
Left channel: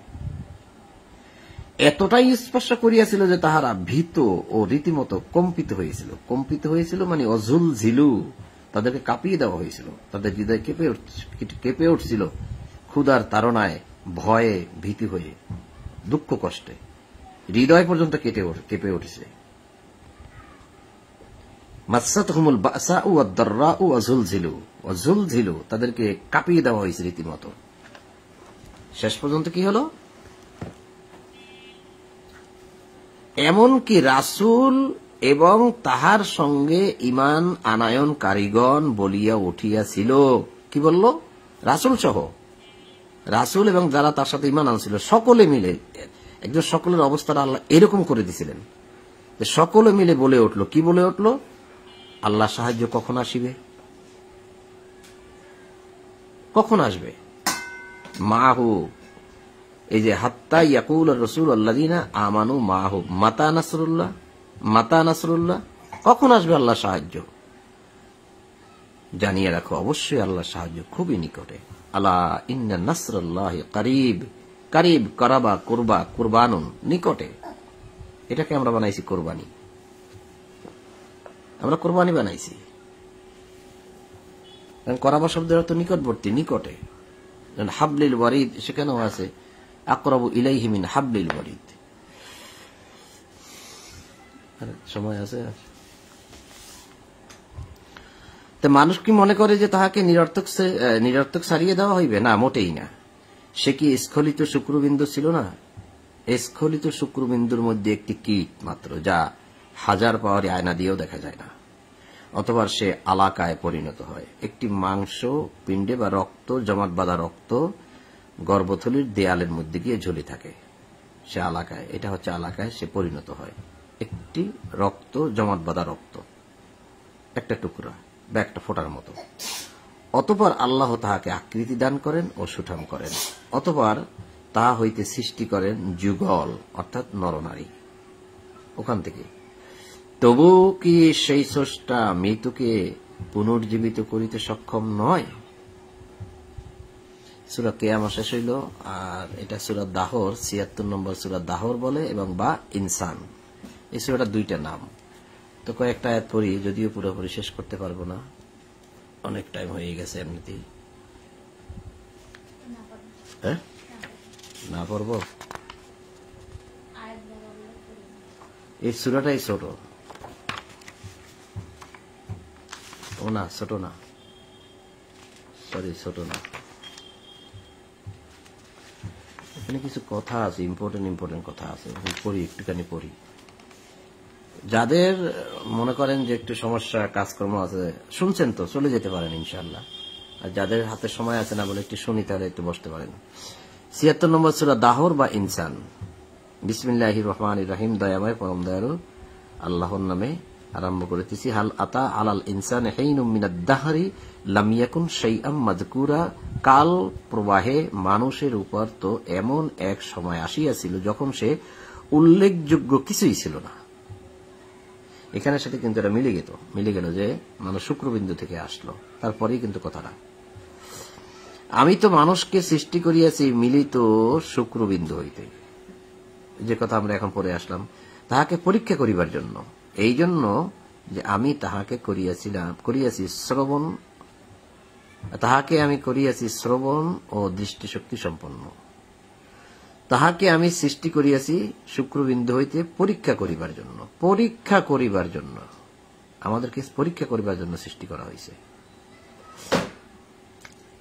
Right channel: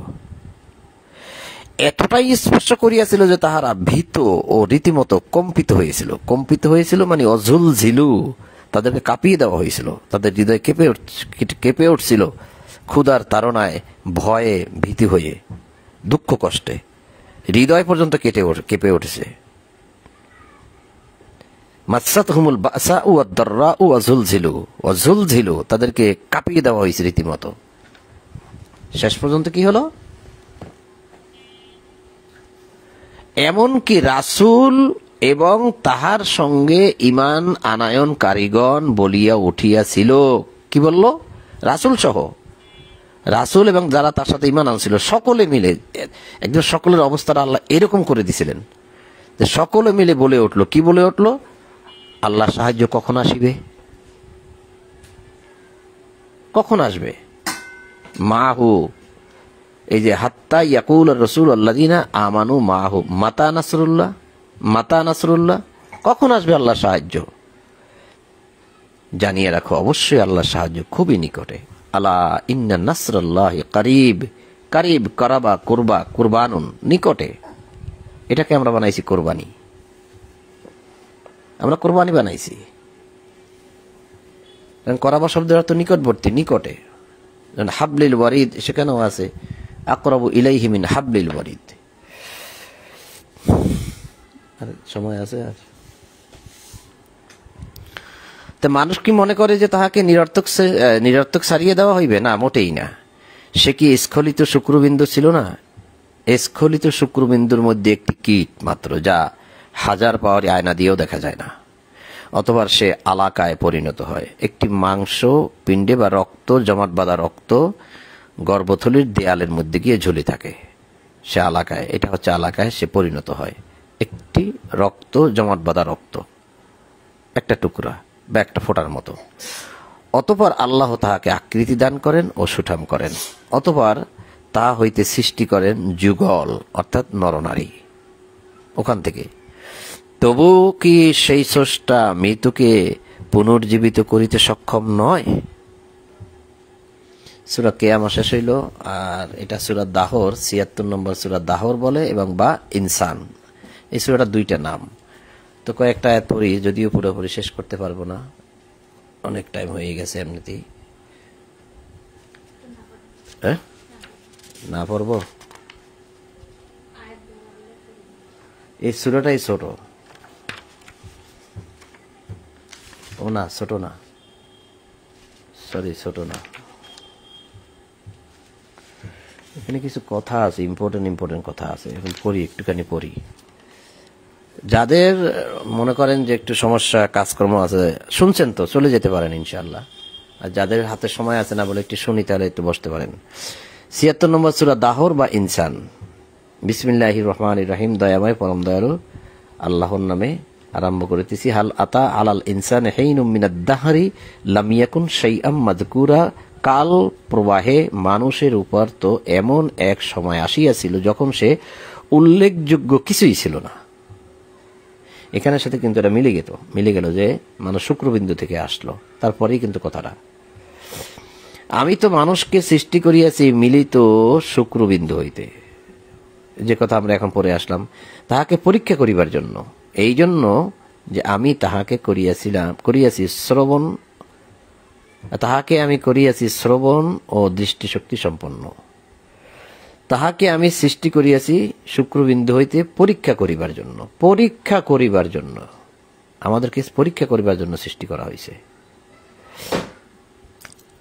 এতটাই স্পর্শ করিয়াছিল যে তাহারা ভীত ও রীতিমতো কম্পিত হয়েছিল, মানে অঝুল ঝিলু, তাদেরকে কাঁপিয়ে দেওয়া হয়েছিল, তাদের হৃদয় কেঁপে উঠছিল ক্ষুধার তাড়নায়, ভয়ে, ভীতি হয়ে, দুঃখ কষ্টে হৃদয় পর্যন্ত কেঁপে উঠেছে। মাসসাতহুমুল বাসাউ ওয়াদ-দাররাউ ওয়াজুলজিলু, তাদেরকে কাঁপিয়ে দেওয়া হয়েছে রীতিমতো। শেষ পর্যন্ত কি হলো? এমনকি রাসূল এবং তাহার সঙ্গে ঈমান আনায়ন কারিগণ বলিয়া উঠিয়াছিল। কি বলল? রাসূল সহ, রাসূল এবং যারা তার সাথে ঈমান আনছিল সকলে মিলে, একদম সকলের অবস্থাটা আল্লাহ এরকম করে দিছিলেন যে সকলে মিলে বলে উঠলো। কি বলে উঠলো? আল্লাহ সাহায্য কখন আসিবে, কখন আসবে? মাহু, এই যে হাত্তা ইয়াকুল রসুল আল্লাযিনা আমানু মাহু মাতা নাসরুল্লাহ, মাতা নাসরুল্লাহ, কখন আসবে আল্লাহ সাহায্য? জানিয়ে রাখো অবশ্যই আল্লাহর সাহায্য খুবই নিকটে। আলা ইন্না নাসরাল্লাহি করিব, করিব করাবা কুরবা কুরবানুন, নিকটে। এটাকে আমরা বানাইছি কোরবানি, আমরা কোরবানি বানাইছি। করাবা শব্দের অর্থ নিকটবর্তী, নিকটে। হাবলিল ওয়ারিদ সেখানেও আছে আকরাবু ইলাইহি মিন হাবলিল ওয়ারিদ। সময় আছে আর? তো মানুষ কি মনে করে যে তাহাকে নিরর্থক সারিয়ে দেওয়া হইবে? না, মোটেই না। সে কি স্খলিত শুক্রবিন্দু ছিল না? স্খলিত শুক্রবিন্দুর মধ্যে একটি কীট মাত্র, যা হাজার পাওয়ার আয়না দিয়েও দেখা যায় না। অথবা সে আলাকায় পরিণত হয়। একটি মাংস পিণ্ডে বা রক্ত জমাট বাঁধা রক্ত গর্ভথলির দেয়ালের মধ্যে গিয়ে ঝুলে থাকে। সে আলাকায়, এটা হচ্ছে আলাকায় সে পরিণত হয়। একটি রক্ত জমাট বাঁধা রক্ত, একটা টুকরা বা একটা ফোঁটার মতো। অতঃপর আল্লাহ তাহাকে আকৃতি দান করেন ও সুঠাম করেন। অতঃপর তা হইতে সৃষ্টি করেন যুগল, অর্থাৎ নরনারী। ওখান থেকে তবু কি সেই স্রষ্টা মৃতকে পুনর্জীবিত করিতে সক্ষম নয়? সূরা কিয়ামা শেষ হইল। আর এটা সূরা দাহর, ৭৬ নম্বর সূরা দাহর বলে, এবং বা ইনসান। এই সূরাটা দুইটা নাম। তো কয়েকটা আয়াত পড়ি, যদিও পুরোপুরি শেষ করতে পারবো না, অনেক টাইম হয়ে গেছে এমনিতেই। হ্যাঁ, না পড়বো? এই সূরাটাই ছোট। ও না, ছোট না, সরি, ছোট না। এখানে কিছু কথা আছে, ইম্পর্টেন্ট কথা আছে। এখন পড়ি, একটুখানি পড়ি। যাদের মনে করেন যে একটু সমস্যা, কাজকর্ম আছে, শুনছেন তো চলে যেতে পারেন ইনশাআল্লাহ। আর যাদের হাতে সময় আছে না বলে একটু শুনি, তাহলে একটু বসতে পারেন। ৭৬ নম্বর সূরা দাহর বা ইনসান। বিসমিল্লাহির রহমানির রহিম, দয়াময় পরম দয়ালু আল্লাহর নামে আরম্ভ করিতেছি। হাল আতা আলাল ইনসান হিনুম মিনাদ দাহরি লাম ইয়াকুন শাইআম মাযকুরা। কাল প্রবাহে মানুষের উপর তো এমন এক সময় আসিয়াছিল যখন সে উল্লেখযোগ্য কিছুই ছিল না। এখানের সাথে কিন্তু এটা মিলে গেল যে মানুষ শুক্রবিন্দু থেকে আসলো। তারপরেই কিন্তু কথাটা, আমি তো মানুষকে সৃষ্টি করিয়াছি মিলিত শুক্রবিন্দু হইতে, যে কথা আমরা এখন পড়ে আসলাম, তাহাকে পরীক্ষা করিবার জন্য। এই জন্য যে আমি তাহাকে আমি করিয়াছি শ্রবণ ও দৃষ্টিশক্তি সম্পন্ন। তাহাকে আমি সৃষ্টি করিয়াছি শুক্রবিন্দু হইতে পরীক্ষা করিবার জন্য। আমাদেরকে পরীক্ষা করিবার জন্য সৃষ্টি করা হয়েছে।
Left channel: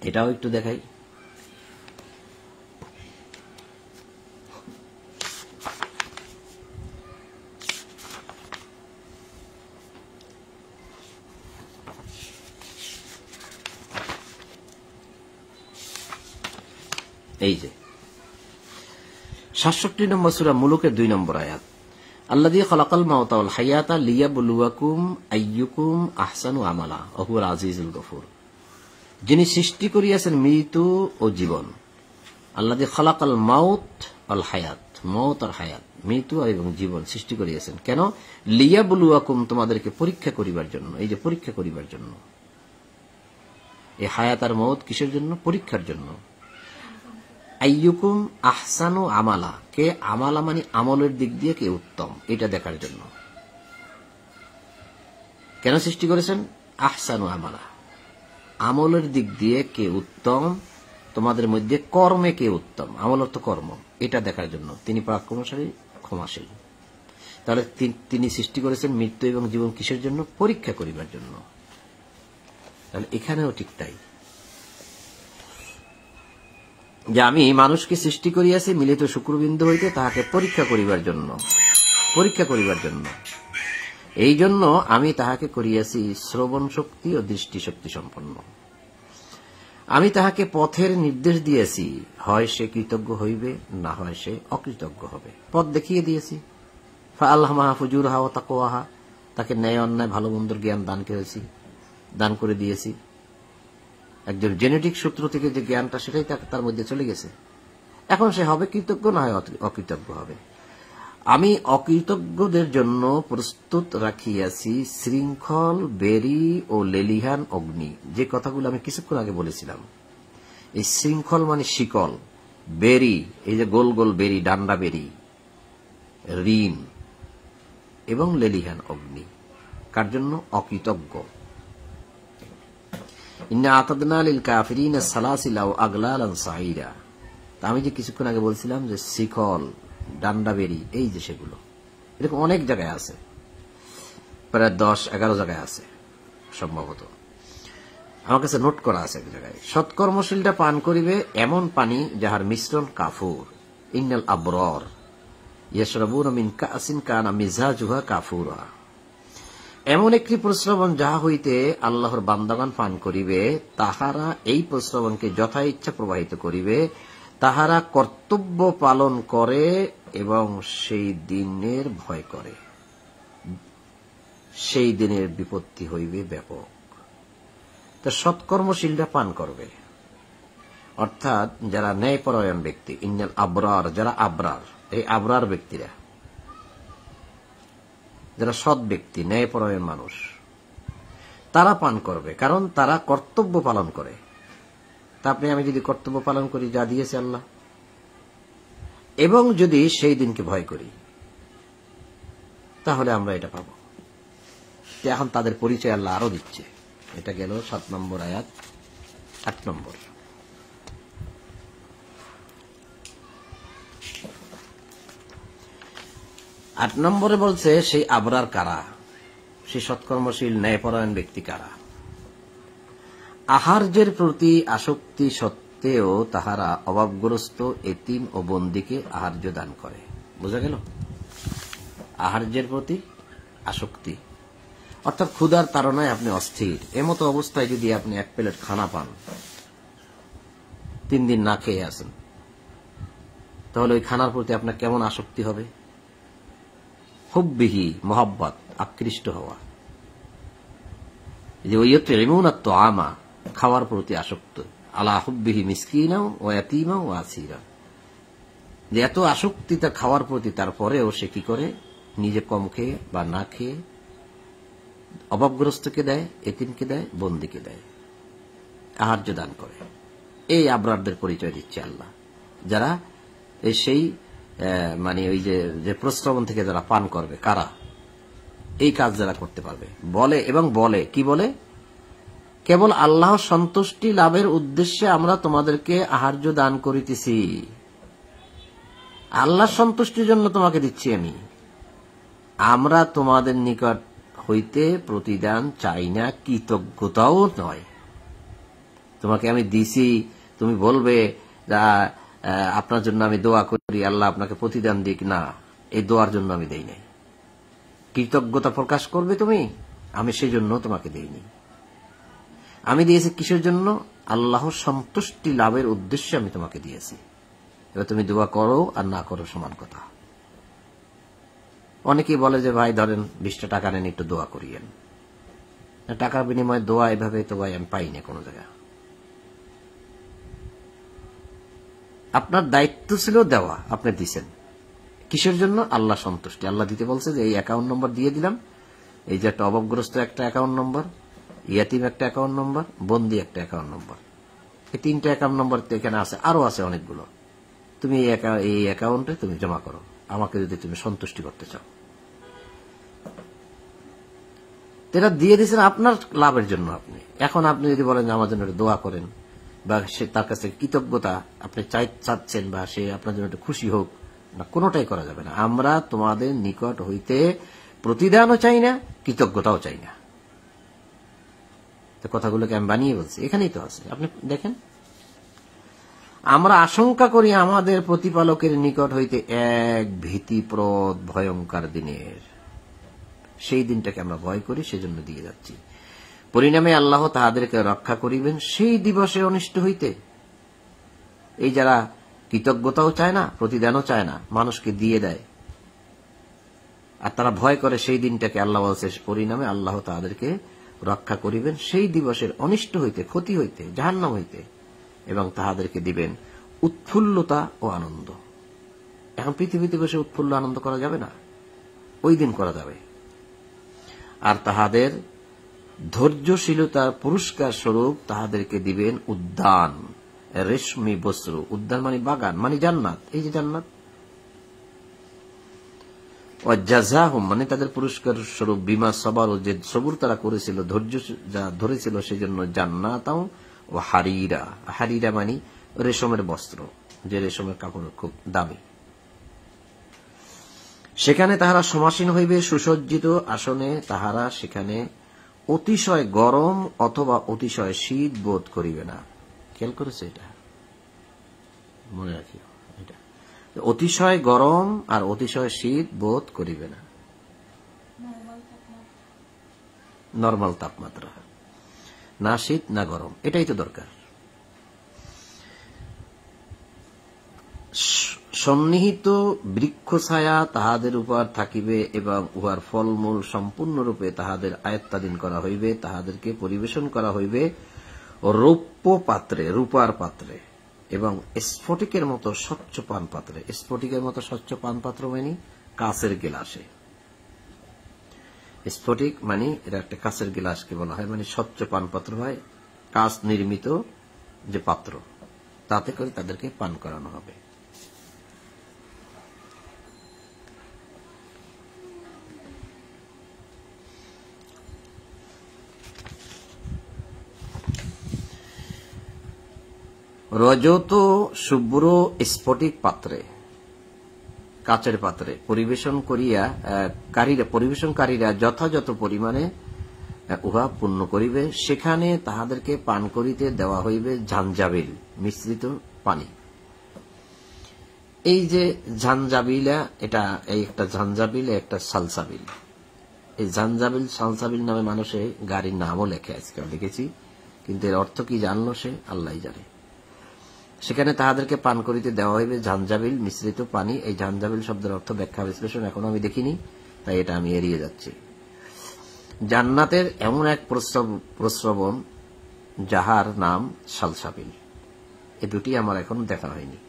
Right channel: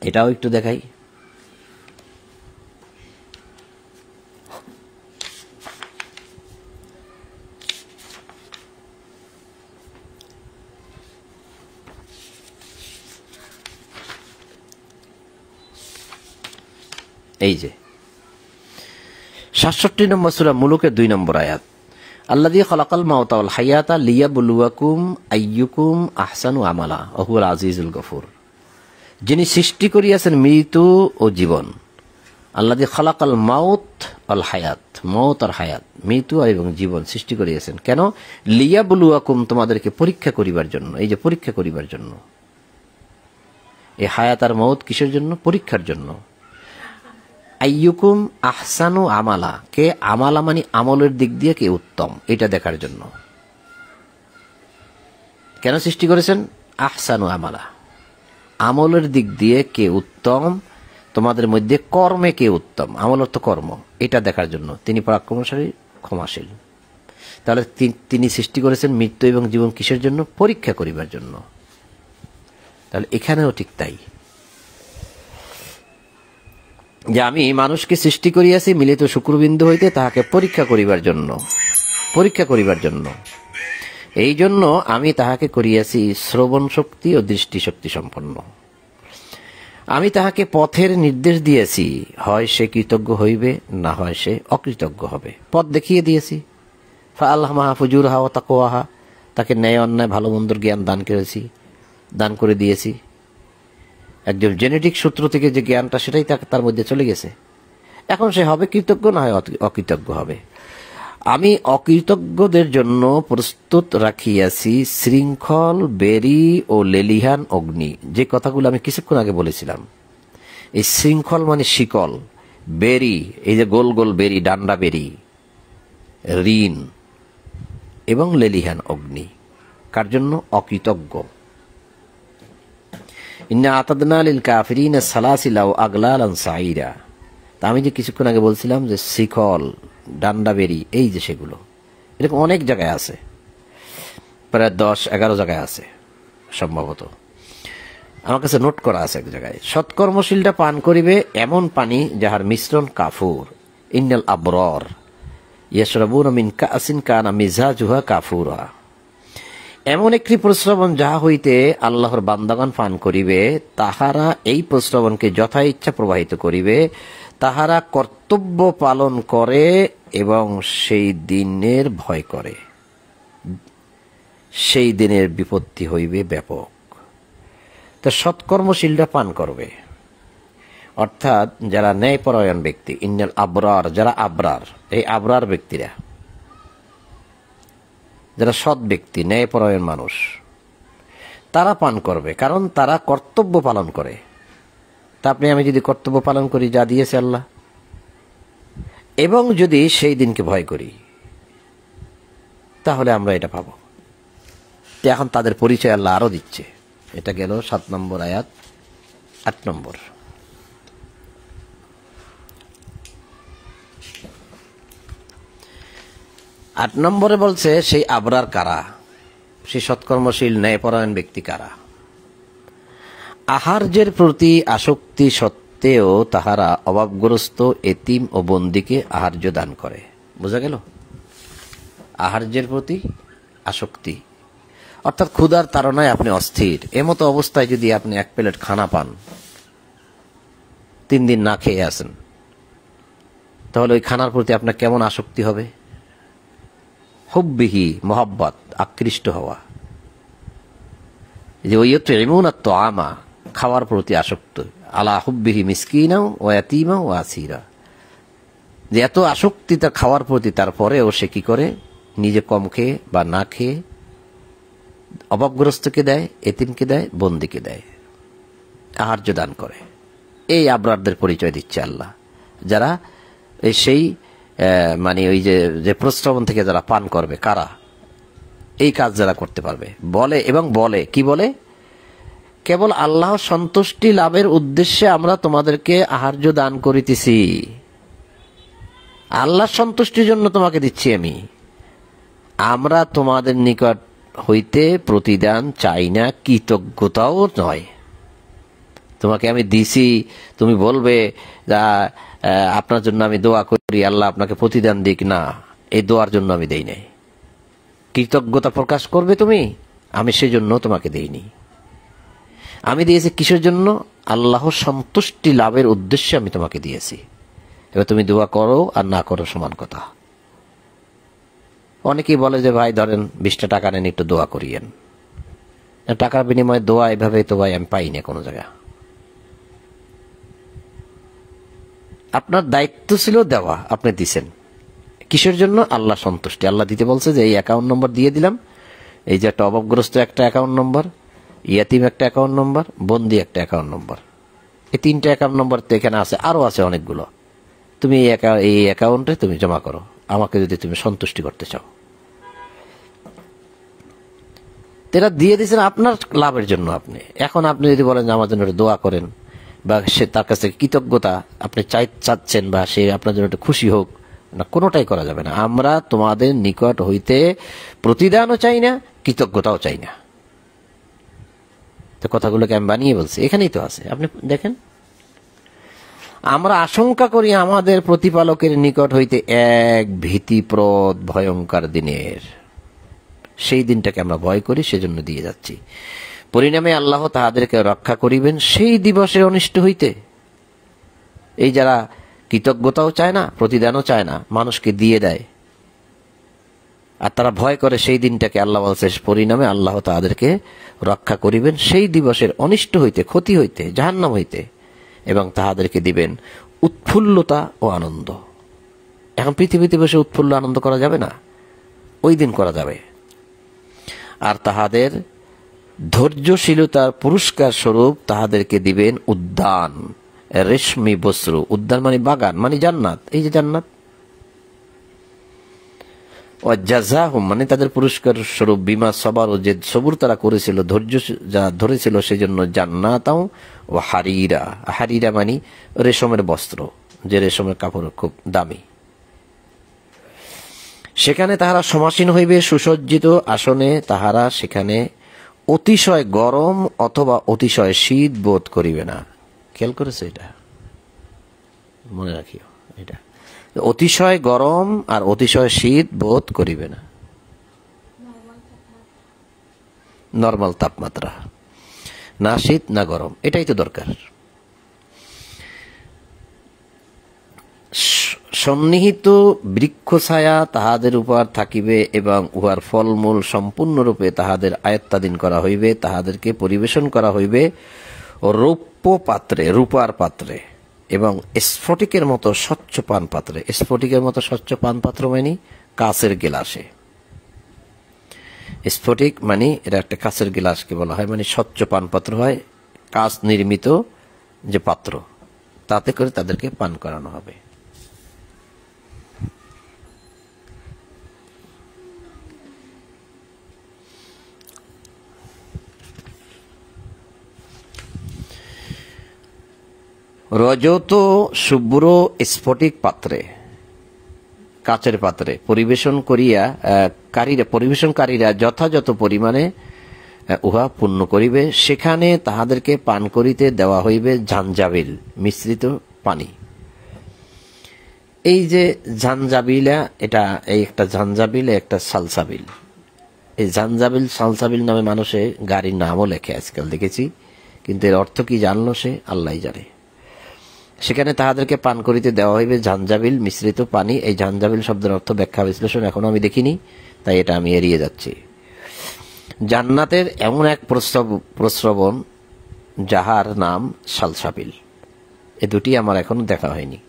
এটাও একটু দেখাই। এই যে ৬৭ নম্বর সূরা মুলুকের ২ নম্বর আয়াত, আল্লাযী খালাকাল মাউতা ওয়াল হায়াতা লিয়াবলুয়াকুম আইয়ুকুম আহসানু আমালা ওয়া হুয়াল আজিজুল গফুর। যিনি সৃষ্টি করিয়াছেন মৃত্যু ও জীবন। আল্লাযী খালাকাল মাউত ওয়াল হায়াত, মউত আর হায়াত, মৃত্যু এবং জীবন সৃষ্টি করিয়াছেন কেন? লিয়াবলুয়াকুম, তোমাদেরকে পরীক্ষা করিবার জন্য। এই যে পরীক্ষা করিবার জন্য, এই হায়াত আর মউত কিসের জন্য? পরীক্ষার জন্য। আইয়ুকুম আহসানু আমালা, কে আমালা মানে আমলের দিক দিয়ে কে উত্তম, এটা দেখার জন্য। কেন সৃষ্টি করেছেন? আহসানু আমালা, আমলের দিক দিয়ে কে উত্তম, তোমাদের মধ্যে কর্মে কে উত্তম, আমল অর্থ কর্ম, এটা দেখার জন্য। তিনি পরাক্রমশালী, ক্ষমাশীল। তাহলে তিনি সৃষ্টি করেছেন মৃত্যু এবং জীবন কিসের জন্য? পরীক্ষা করিবার জন্য। তাহলে এখানেও ঠিক তাই, যে আমি মানুষকে সৃষ্টি করিয়াছি মিলিত শুক্রবিন্দু হইতে তাহাকে পরীক্ষা করিবার জন্য। এই জন্য আমি তাহাকে করিয়াছি শ্রবণ শক্তি ও দৃষ্টিশক্তি সম্পন্ন। আমি তাহাকে পথের নির্দেশ দিয়েছি, হয় সে কৃতজ্ঞ হইবে, না হয় সে অকৃতজ্ঞ হবে। পথ দেখিয়ে দিয়েছি। ফাআলহামাহা ফুজুরহা ওয়া তাকওয়াহা, তাকে ন্যায় অন্যায় ভালো মন্দর জ্ঞান দান করে দিয়েছি। একজন জেনেটিক সূত্র থেকে যে জ্ঞানটা, সেটাই তার মধ্যে চলে গেছে। এখন সে হবে কৃতজ্ঞ, না হয় অকৃতজ্ঞ হবে। আমি অকৃতজ্ঞদের জন্য প্রস্তুত রাখিয়াছি শৃঙ্খল, বেরি ও লেলিহান অগ্নি। যে কথাগুলো আমি কিছুক্ষণ আগে বলেছিলাম, এই শৃঙ্খল মানে শিকল, বেরি এই যে গোল গোল বেরি, ডান্ডা বেরি, ঋণ, এবং লেলিহান অগ্নি। কার জন্য? অকৃতজ্ঞ। ইন্না আতাদনা লিল কাফিরিনা সালাসিলা ওয়া আগলালান সাইরা। তা আমি যে কিছুক্ষণ আগে বলছিলাম যে শিকল, ডান্ডা বেরি, এই যে সেগুলো এরকম অনেক জায়গায় আছে, প্রায় 10-11 জায়গায় আছে সম্ভবত, আমার কাছে নোট করা আছে এক জায়গায়। সৎকর্মশীলটা পান করিবে এমন পানি যাহার মিশ্রণ কাফুর। ইন্নাল আবরার ইয়াশরাবুনা মিন কাসিন কানা মিজাজুহা কাফুরা। এমন একটি প্রস্রবণ যাহা হইতে আল্লাহর বান্দাগণ পান করিবে, তাহারা এই প্রস্রবণকে যথা ইচ্ছা প্রবাহিত করিবে। তাহারা কর্তব্য পালন করে এবং সেই দিনের ভয় করে। সেই দিনের বিপত্তি হইবে ব্যাপক। তা সৎকর্মশীলরা পান করবে, অর্থাৎ যারা ন্যায়পরায়ণ ব্যক্তি। ইন্নাল আবরার, যারা আবরার, এই আবরার ব্যক্তিরা যারা সৎ ব্যক্তি, ন্যায়পরায়ণ মানুষ, তারা পান করবে, কারণ তারা কর্তব্য পালন করে। তা আপনি আমি যদি কর্তব্য পালন করি যা দিয়েছে আল্লাহ, এবং যদি সেই দিনকে ভয় করি, তাহলে আমরা এটা পাবো। এখন তাদের পরিচয় আল্লাহ আরো দিচ্ছে। এটা গেল 7 নম্বর আয়াত। 8 নম্বর, নম্বরে বলছে সেই আবরার কারা, সেই সৎকর্মশীল ন্যায়পরায়ণ ব্যক্তি কারা। আহার্যের প্রতি আসক্তি সত্ত্বেও তাহারা অভাবগ্রস্ত এতিম ও বন্দীকে আহার্য দান করে। বোঝা গেল? আহার্যের প্রতি আসক্তি অর্থাৎ ক্ষুধার তাড়নায় আপনি অস্থির। এমতো অবস্থায় যদি আপনি 1 প্লেট খানা পান, 3 দিন না খেয়ে আসেন, তাহলে ওই খানার প্রতি আপনার কেমন আসক্তি হবে? হুব্বিহি, মোহাব্বত, আকৃষ্ট হওয়া। যে ওই তো আমা, খাওয়ার প্রতি আসক্ত। আলা হুব্বিহি মিসকিনাও ও ইয়াতীমা ও আসিরা। যে এত আসক্তি তার খাওয়ার প্রতি, তারপরেও সে কি করে? নিজে কম খেয়ে বা না খেয়ে অভাবগ্রস্তকে দেয়, এতিমকে দেয়, বন্দীকে দেয়, আহার্য দান করে। এই আবরারদের পরিচয় দিচ্ছে আল্লাহ, যারা সেই মানে ওই যে প্রস্রবণ থেকে যারা পান করবে। কারা? এই কাজ যারা করতে পারবে। বলে এবং বলে কি বলে? কেবল আল্লাহ সন্তুষ্টি লাভের উদ্দেশ্যে আমরা তোমাদেরকে আহার্য দান করিতেছি, আল্লাহ সন্তুষ্টির জন্য তোমাকে দিচ্ছি আমি। আমরা তোমাদের নিকট হইতে প্রতিদান চাই না, কৃতজ্ঞতাও নয়। তোমাকে আমি দিছি, তুমি বলবে আপনার জন্য আমি দোয়া করি, আল্লাহ আপনাকে প্রতিদান দিক, না, এই দোয়ার জন্য আমি দেই নাই। কৃতজ্ঞতা প্রকাশ করবে তুমি, আমি সেজন্য তোমাকে দেইনি। আমি দিয়েছি কিসের জন্য? আল্লাহর সন্তুষ্টি লাভের উদ্দেশ্যে আমি তোমাকে দিয়েছি। এবার তুমি দোয়া করো আর না করো সমান কথা। অনেকেই বলে যে ভাই ধরেন 20টা টাকা নেন, একটু দোয়া করিয়েন। টাকার বিনিময়ে দোয়া এভাবে তো ভাই আমি পাই না কোনো জায়গা। আপনার দায়িত্ব ছিল দেওয়া, আপনি দিছেন। কিসের জন্য? আল্লাহ সন্তুষ্টি। আল্লাহ দিতে বলছে যে এই অ্যাকাউন্ট নম্বর দিয়ে দিলাম, এই যে একটা অভাবগ্রস্ত একটা অ্যাকাউন্ট নম্বর, ইয়াতিম একটা অ্যাকাউন্ট নম্বর, বন্দি একটা অ্যাকাউন্ট নম্বর। এই 3টা অ্যাকাউন্ট নম্বর তো এখানে আছে, আরো আছে অনেকগুলো। তুমি এই অ্যাকাউন্টে তুমি জমা করো, আমাকে যদি তুমি সন্তুষ্টি করতে চাও। এটা দিয়ে দিয়েছেন আপনার লাভের জন্য। আপনি এখন আপনি যদি বলেন আমার জন্য দোয়া করেন, বা সে তার কাছে কৃতজ্ঞতা আপনি চাচ্ছেন, বা সে আপনার জন্য একটু খুশি হোক, না, কোনোটাই করা যাবে না। আমরা তোমাদের নিকট হইতে প্রতিদানও চাই না, কৃতজ্ঞতাও চাই না। তো কথাগুলোকে আমি বানিয়ে বলছি, এখানেই তো আছে। আপনি দেখেন, আমরা আশঙ্কা করি আমাদের প্রতিপালকের নিকট হইতে এক ভীতিপ্রদ ভয়ঙ্কর দিনের। সেই দিনটাকে আমরা ভয় করি, সেজন্য দিয়ে যাচ্ছি। পরিণামে আল্লাহ তাহাদেরকে রক্ষা করিবেন সেই দিবসে অনিষ্ট হইতে। এই যারা কৃতজ্ঞতাও চায় না, প্রতিদানও চায় না, মানুষকে দিয়ে দেয়, আর তারা ভয় করে সেই দিনটাকে, আল্লাহ বলছে পরিণামে আল্লাহ তাদেরকে রক্ষা করিবেন সেই দিবসের অনিষ্ট হইতে, ক্ষতি হইতে, জাহান্নাম হইতে, এবং তাহাদেরকে দিবেন উৎফুল্লতা ও আনন্দ। এখন পৃথিবীতে বসে উৎফুল্ল আনন্দ করা যাবে না, ওই দিন করা যাবে। আর তাহাদের ধৈর্যশীলতার পুরস্কার স্বরূপ তাহাদেরকে দিবেন উদ্যান, রেশমি বস্ত্র। উদ্যান মানে বাগান, মানে জান্নাত। এই যে জান্নাত, জাযাহুম মানে তাদের পুরস্কার স্বরূপ বিমা সবার, যে সবুর তারা করেছিল, ধৈর্য যা ধরেছিল, সেজন্য জান্নাতাও ও হারিরা। হারিরা মানে রেশমের বস্ত্র, যে রেশমের কাপড় খুব দামি। সেখানে তাহারা সমাসীন হইবে সুসজ্জিত আসনে। তাহারা সেখানে অতিশয় গরম অথবা অতিশয় শীত বোধ করিবে না। খেয়াল করেছে? এটা মনে রাখিও, এটা অতিশয় গরম আর অতিশয় শীত বোধ করিবে না। নর্মাল তাপমাত্রা, না শীত না গরম, এটাই তো দরকার। সন্নিহিত বৃক্ষ ছায়া তাহাদের উপর থাকিবে এবং উহার ফলমূল সম্পূর্ণরূপে তাহাদের আয়ত্তাধীন করা হইবে। তাহাদেরকে পরিবেশন করা হইবে রৌপ্য পাত্রে, রূপার পাত্রে এবং স্ফটিকের মতো স্বচ্ছ পান পাত্রে। স্ফটিকের মতো স্বচ্ছ পান পাত্র মানে কাচের গিলাসে। স্ফটিক মানে এটা একটা কাচের গিলাসকে বলা হয়, মানে স্বচ্ছ পান পাত্র হয়, কাচ নির্মিত যে পাত্র, তাতে করে তাদেরকে পান করানো হবে। রজত শুভ্র স্ফটিক পাত্রে, কাচের পাত্রে পরিবেশন করিয়া পরিবেশনকারীরা যথাযথ পরিমাণে উহা পূর্ণ করিবে। সেখানে তাহাদেরকে পান করিতে দেওয়া হইবে ঝাঞ্জাবিল মিশ্রিত পানি। এই যে ঝাঞ্জাবিলা, এটা এই একটা ঝাঞ্জাবিল, একটা সালসাবিল। এই ঝাঞ্জাবিল সালসাবিল নামে মানুষে গাড়ির নামও লেখে আজকাল দেখেছি, কিন্তু এর অর্থ কি জানলো সে আল্লাহ জানে। সেখানে তাহাদেরকে পান করিতে দেওয়া হইবে ঝাঞ্জাবিল মিশ্রিত পানি। এই ঝাঞ্জাবিল শব্দের অর্থ ব্যাখ্যা বিশ্লেষণ এখনো আমি দেখিনি, তাই এটা আমি এড়িয়ে যাচ্ছি। জান্নাতের এমন এক প্রস্রবণ যাহার নাম সালসাবিল, এ দুটি আমার এখনো দেখা হয়নি।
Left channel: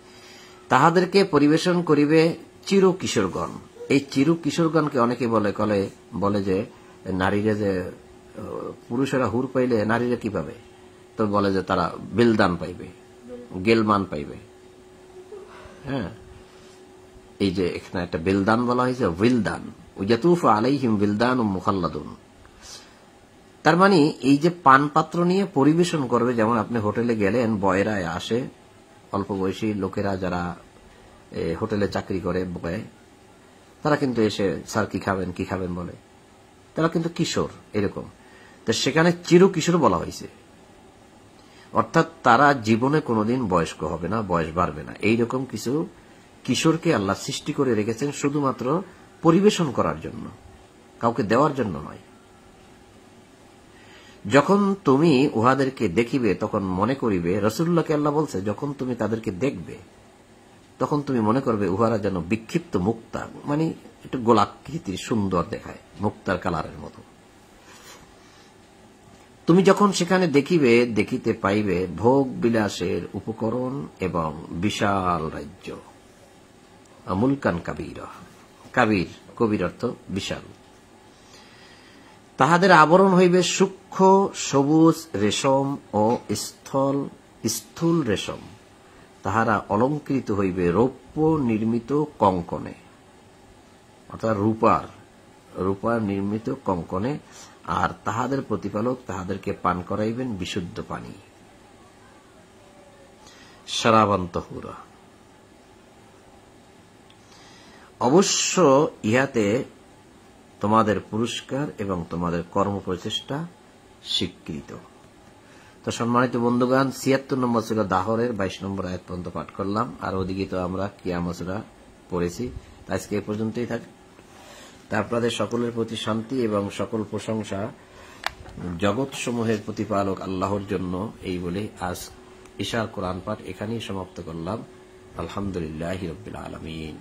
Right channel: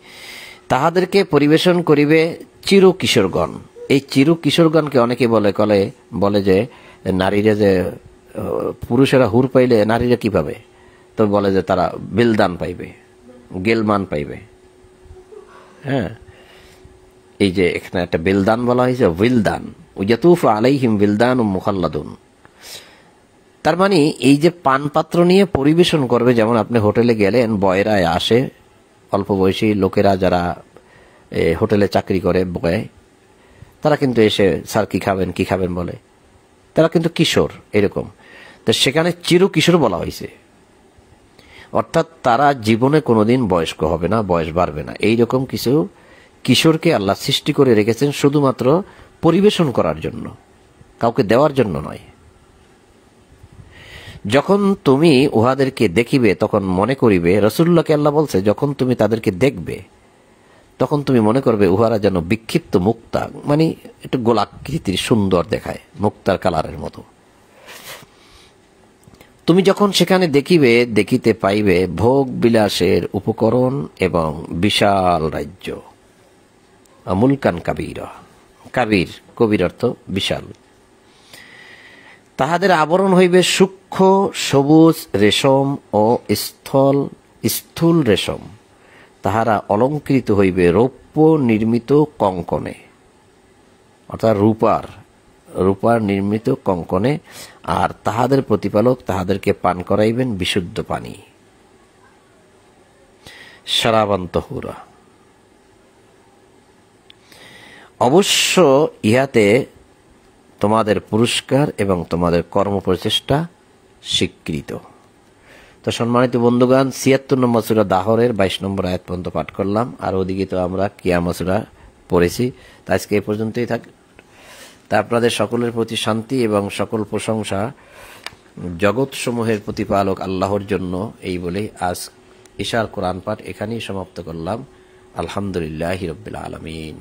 তাহাদেরকে পরিবেশন করিবে চিরু কিশোরগণ। এই চিরু কিশোরগণকে অনেকে বলে যে নারীরা, যে পুরুষেরা হুর পাইলে নারীরা কি পাবে, তো বলে যে তারা বিলদান পাইবে, গেলমান পাইবে। হ্যাঁ, এই যে এখানে একটা বিলদান বলা হয়েছে, উইলদান, ইয়াতুফু আলাইহিম বিলদান মুখাল্লাদুন। তার মানে এই যে পান পাত্র নিয়ে পরিবেশন করবে, যেমন আপনি হোটেলে গেলেন, বয়রা আসে, অল্প বয়সী লোকেরা যারা হোটেলে চাকরি করে, বয়, তারা কিন্তু এসে স্যার কি খাবেন বলে, তারা কিন্তু কিশোর এরকম। তো সেখানে চিরু কিশোর বলা হয়েছে, অর্থাৎ তারা জীবনে কোনোদিন বয়স্ক হবে না, বয়স বাড়বে না। এইরকম কিছু কিশোরকে আল্লাহ সৃষ্টি করে রেখেছেন শুধুমাত্র পরিবেশন করার জন্য, কাউকে দেওয়ার জন্য নয়। যখন তুমি উহাদেরকে দেখিবে তখন মনে করিবে, রাসূলুল্লাহকে আল্লাহ বলছে, যখন তুমি তাদেরকে দেখবে তখন তুমি মনে করবে উহারা যেন বিক্ষিপ্ত মুক্তা, মানে একটু গোলাকৃতির সুন্দর দেখায়, মুক্তার কালারের মতো। তুমি যখন সেখানে দেখিতে পাইবে ভোগ বিলাসের উপকরণ এবং বিশাল রাজ্য। মুলকান কাবীরা, কাবীর কবির অর্থ বিশাল। তাহাদের আবরণ হইবে সূক্ষ্ম সবুজ রেশম ও স্থূল রেশম। তাহারা অলঙ্কৃত হইবে রৌপ্য নির্মিত কঙ্কনে, অর্থাৎ রূপার নির্মিত কঙ্কনে। আর তাহাদের প্রতিপালক তাহাদেরকে পান করাইবেন বিশুদ্ধ পানি, শারাবান তাহুরা। অবশ্য ইহাতে তোমাদের পুরস্কার এবং তোমাদের কর্মপ্রচেষ্টা স্বীকৃত। তো সম্মানিত বন্ধুগণ, ৭৬ নম্বর সূরা দাহরের ২২ নম্বর আয়াত পর্যন্ত পাঠ করলাম, আর ওদিকে তো আমরা কিয়ামত সূরা পড়েছি। তা আজকে এই পর্যন্তই থাক। তা আপনাদের সকলের প্রতি শান্তি এবং সকল প্রশংসা জগৎ সমূহের প্রতিপালক আল্লাহর জন্য, এই বলে আজ ইশার কোরআন পাঠ এখানেই সমাপ্ত করলাম। আলহামদুলিল্লাহি রাব্বিল আলামিন।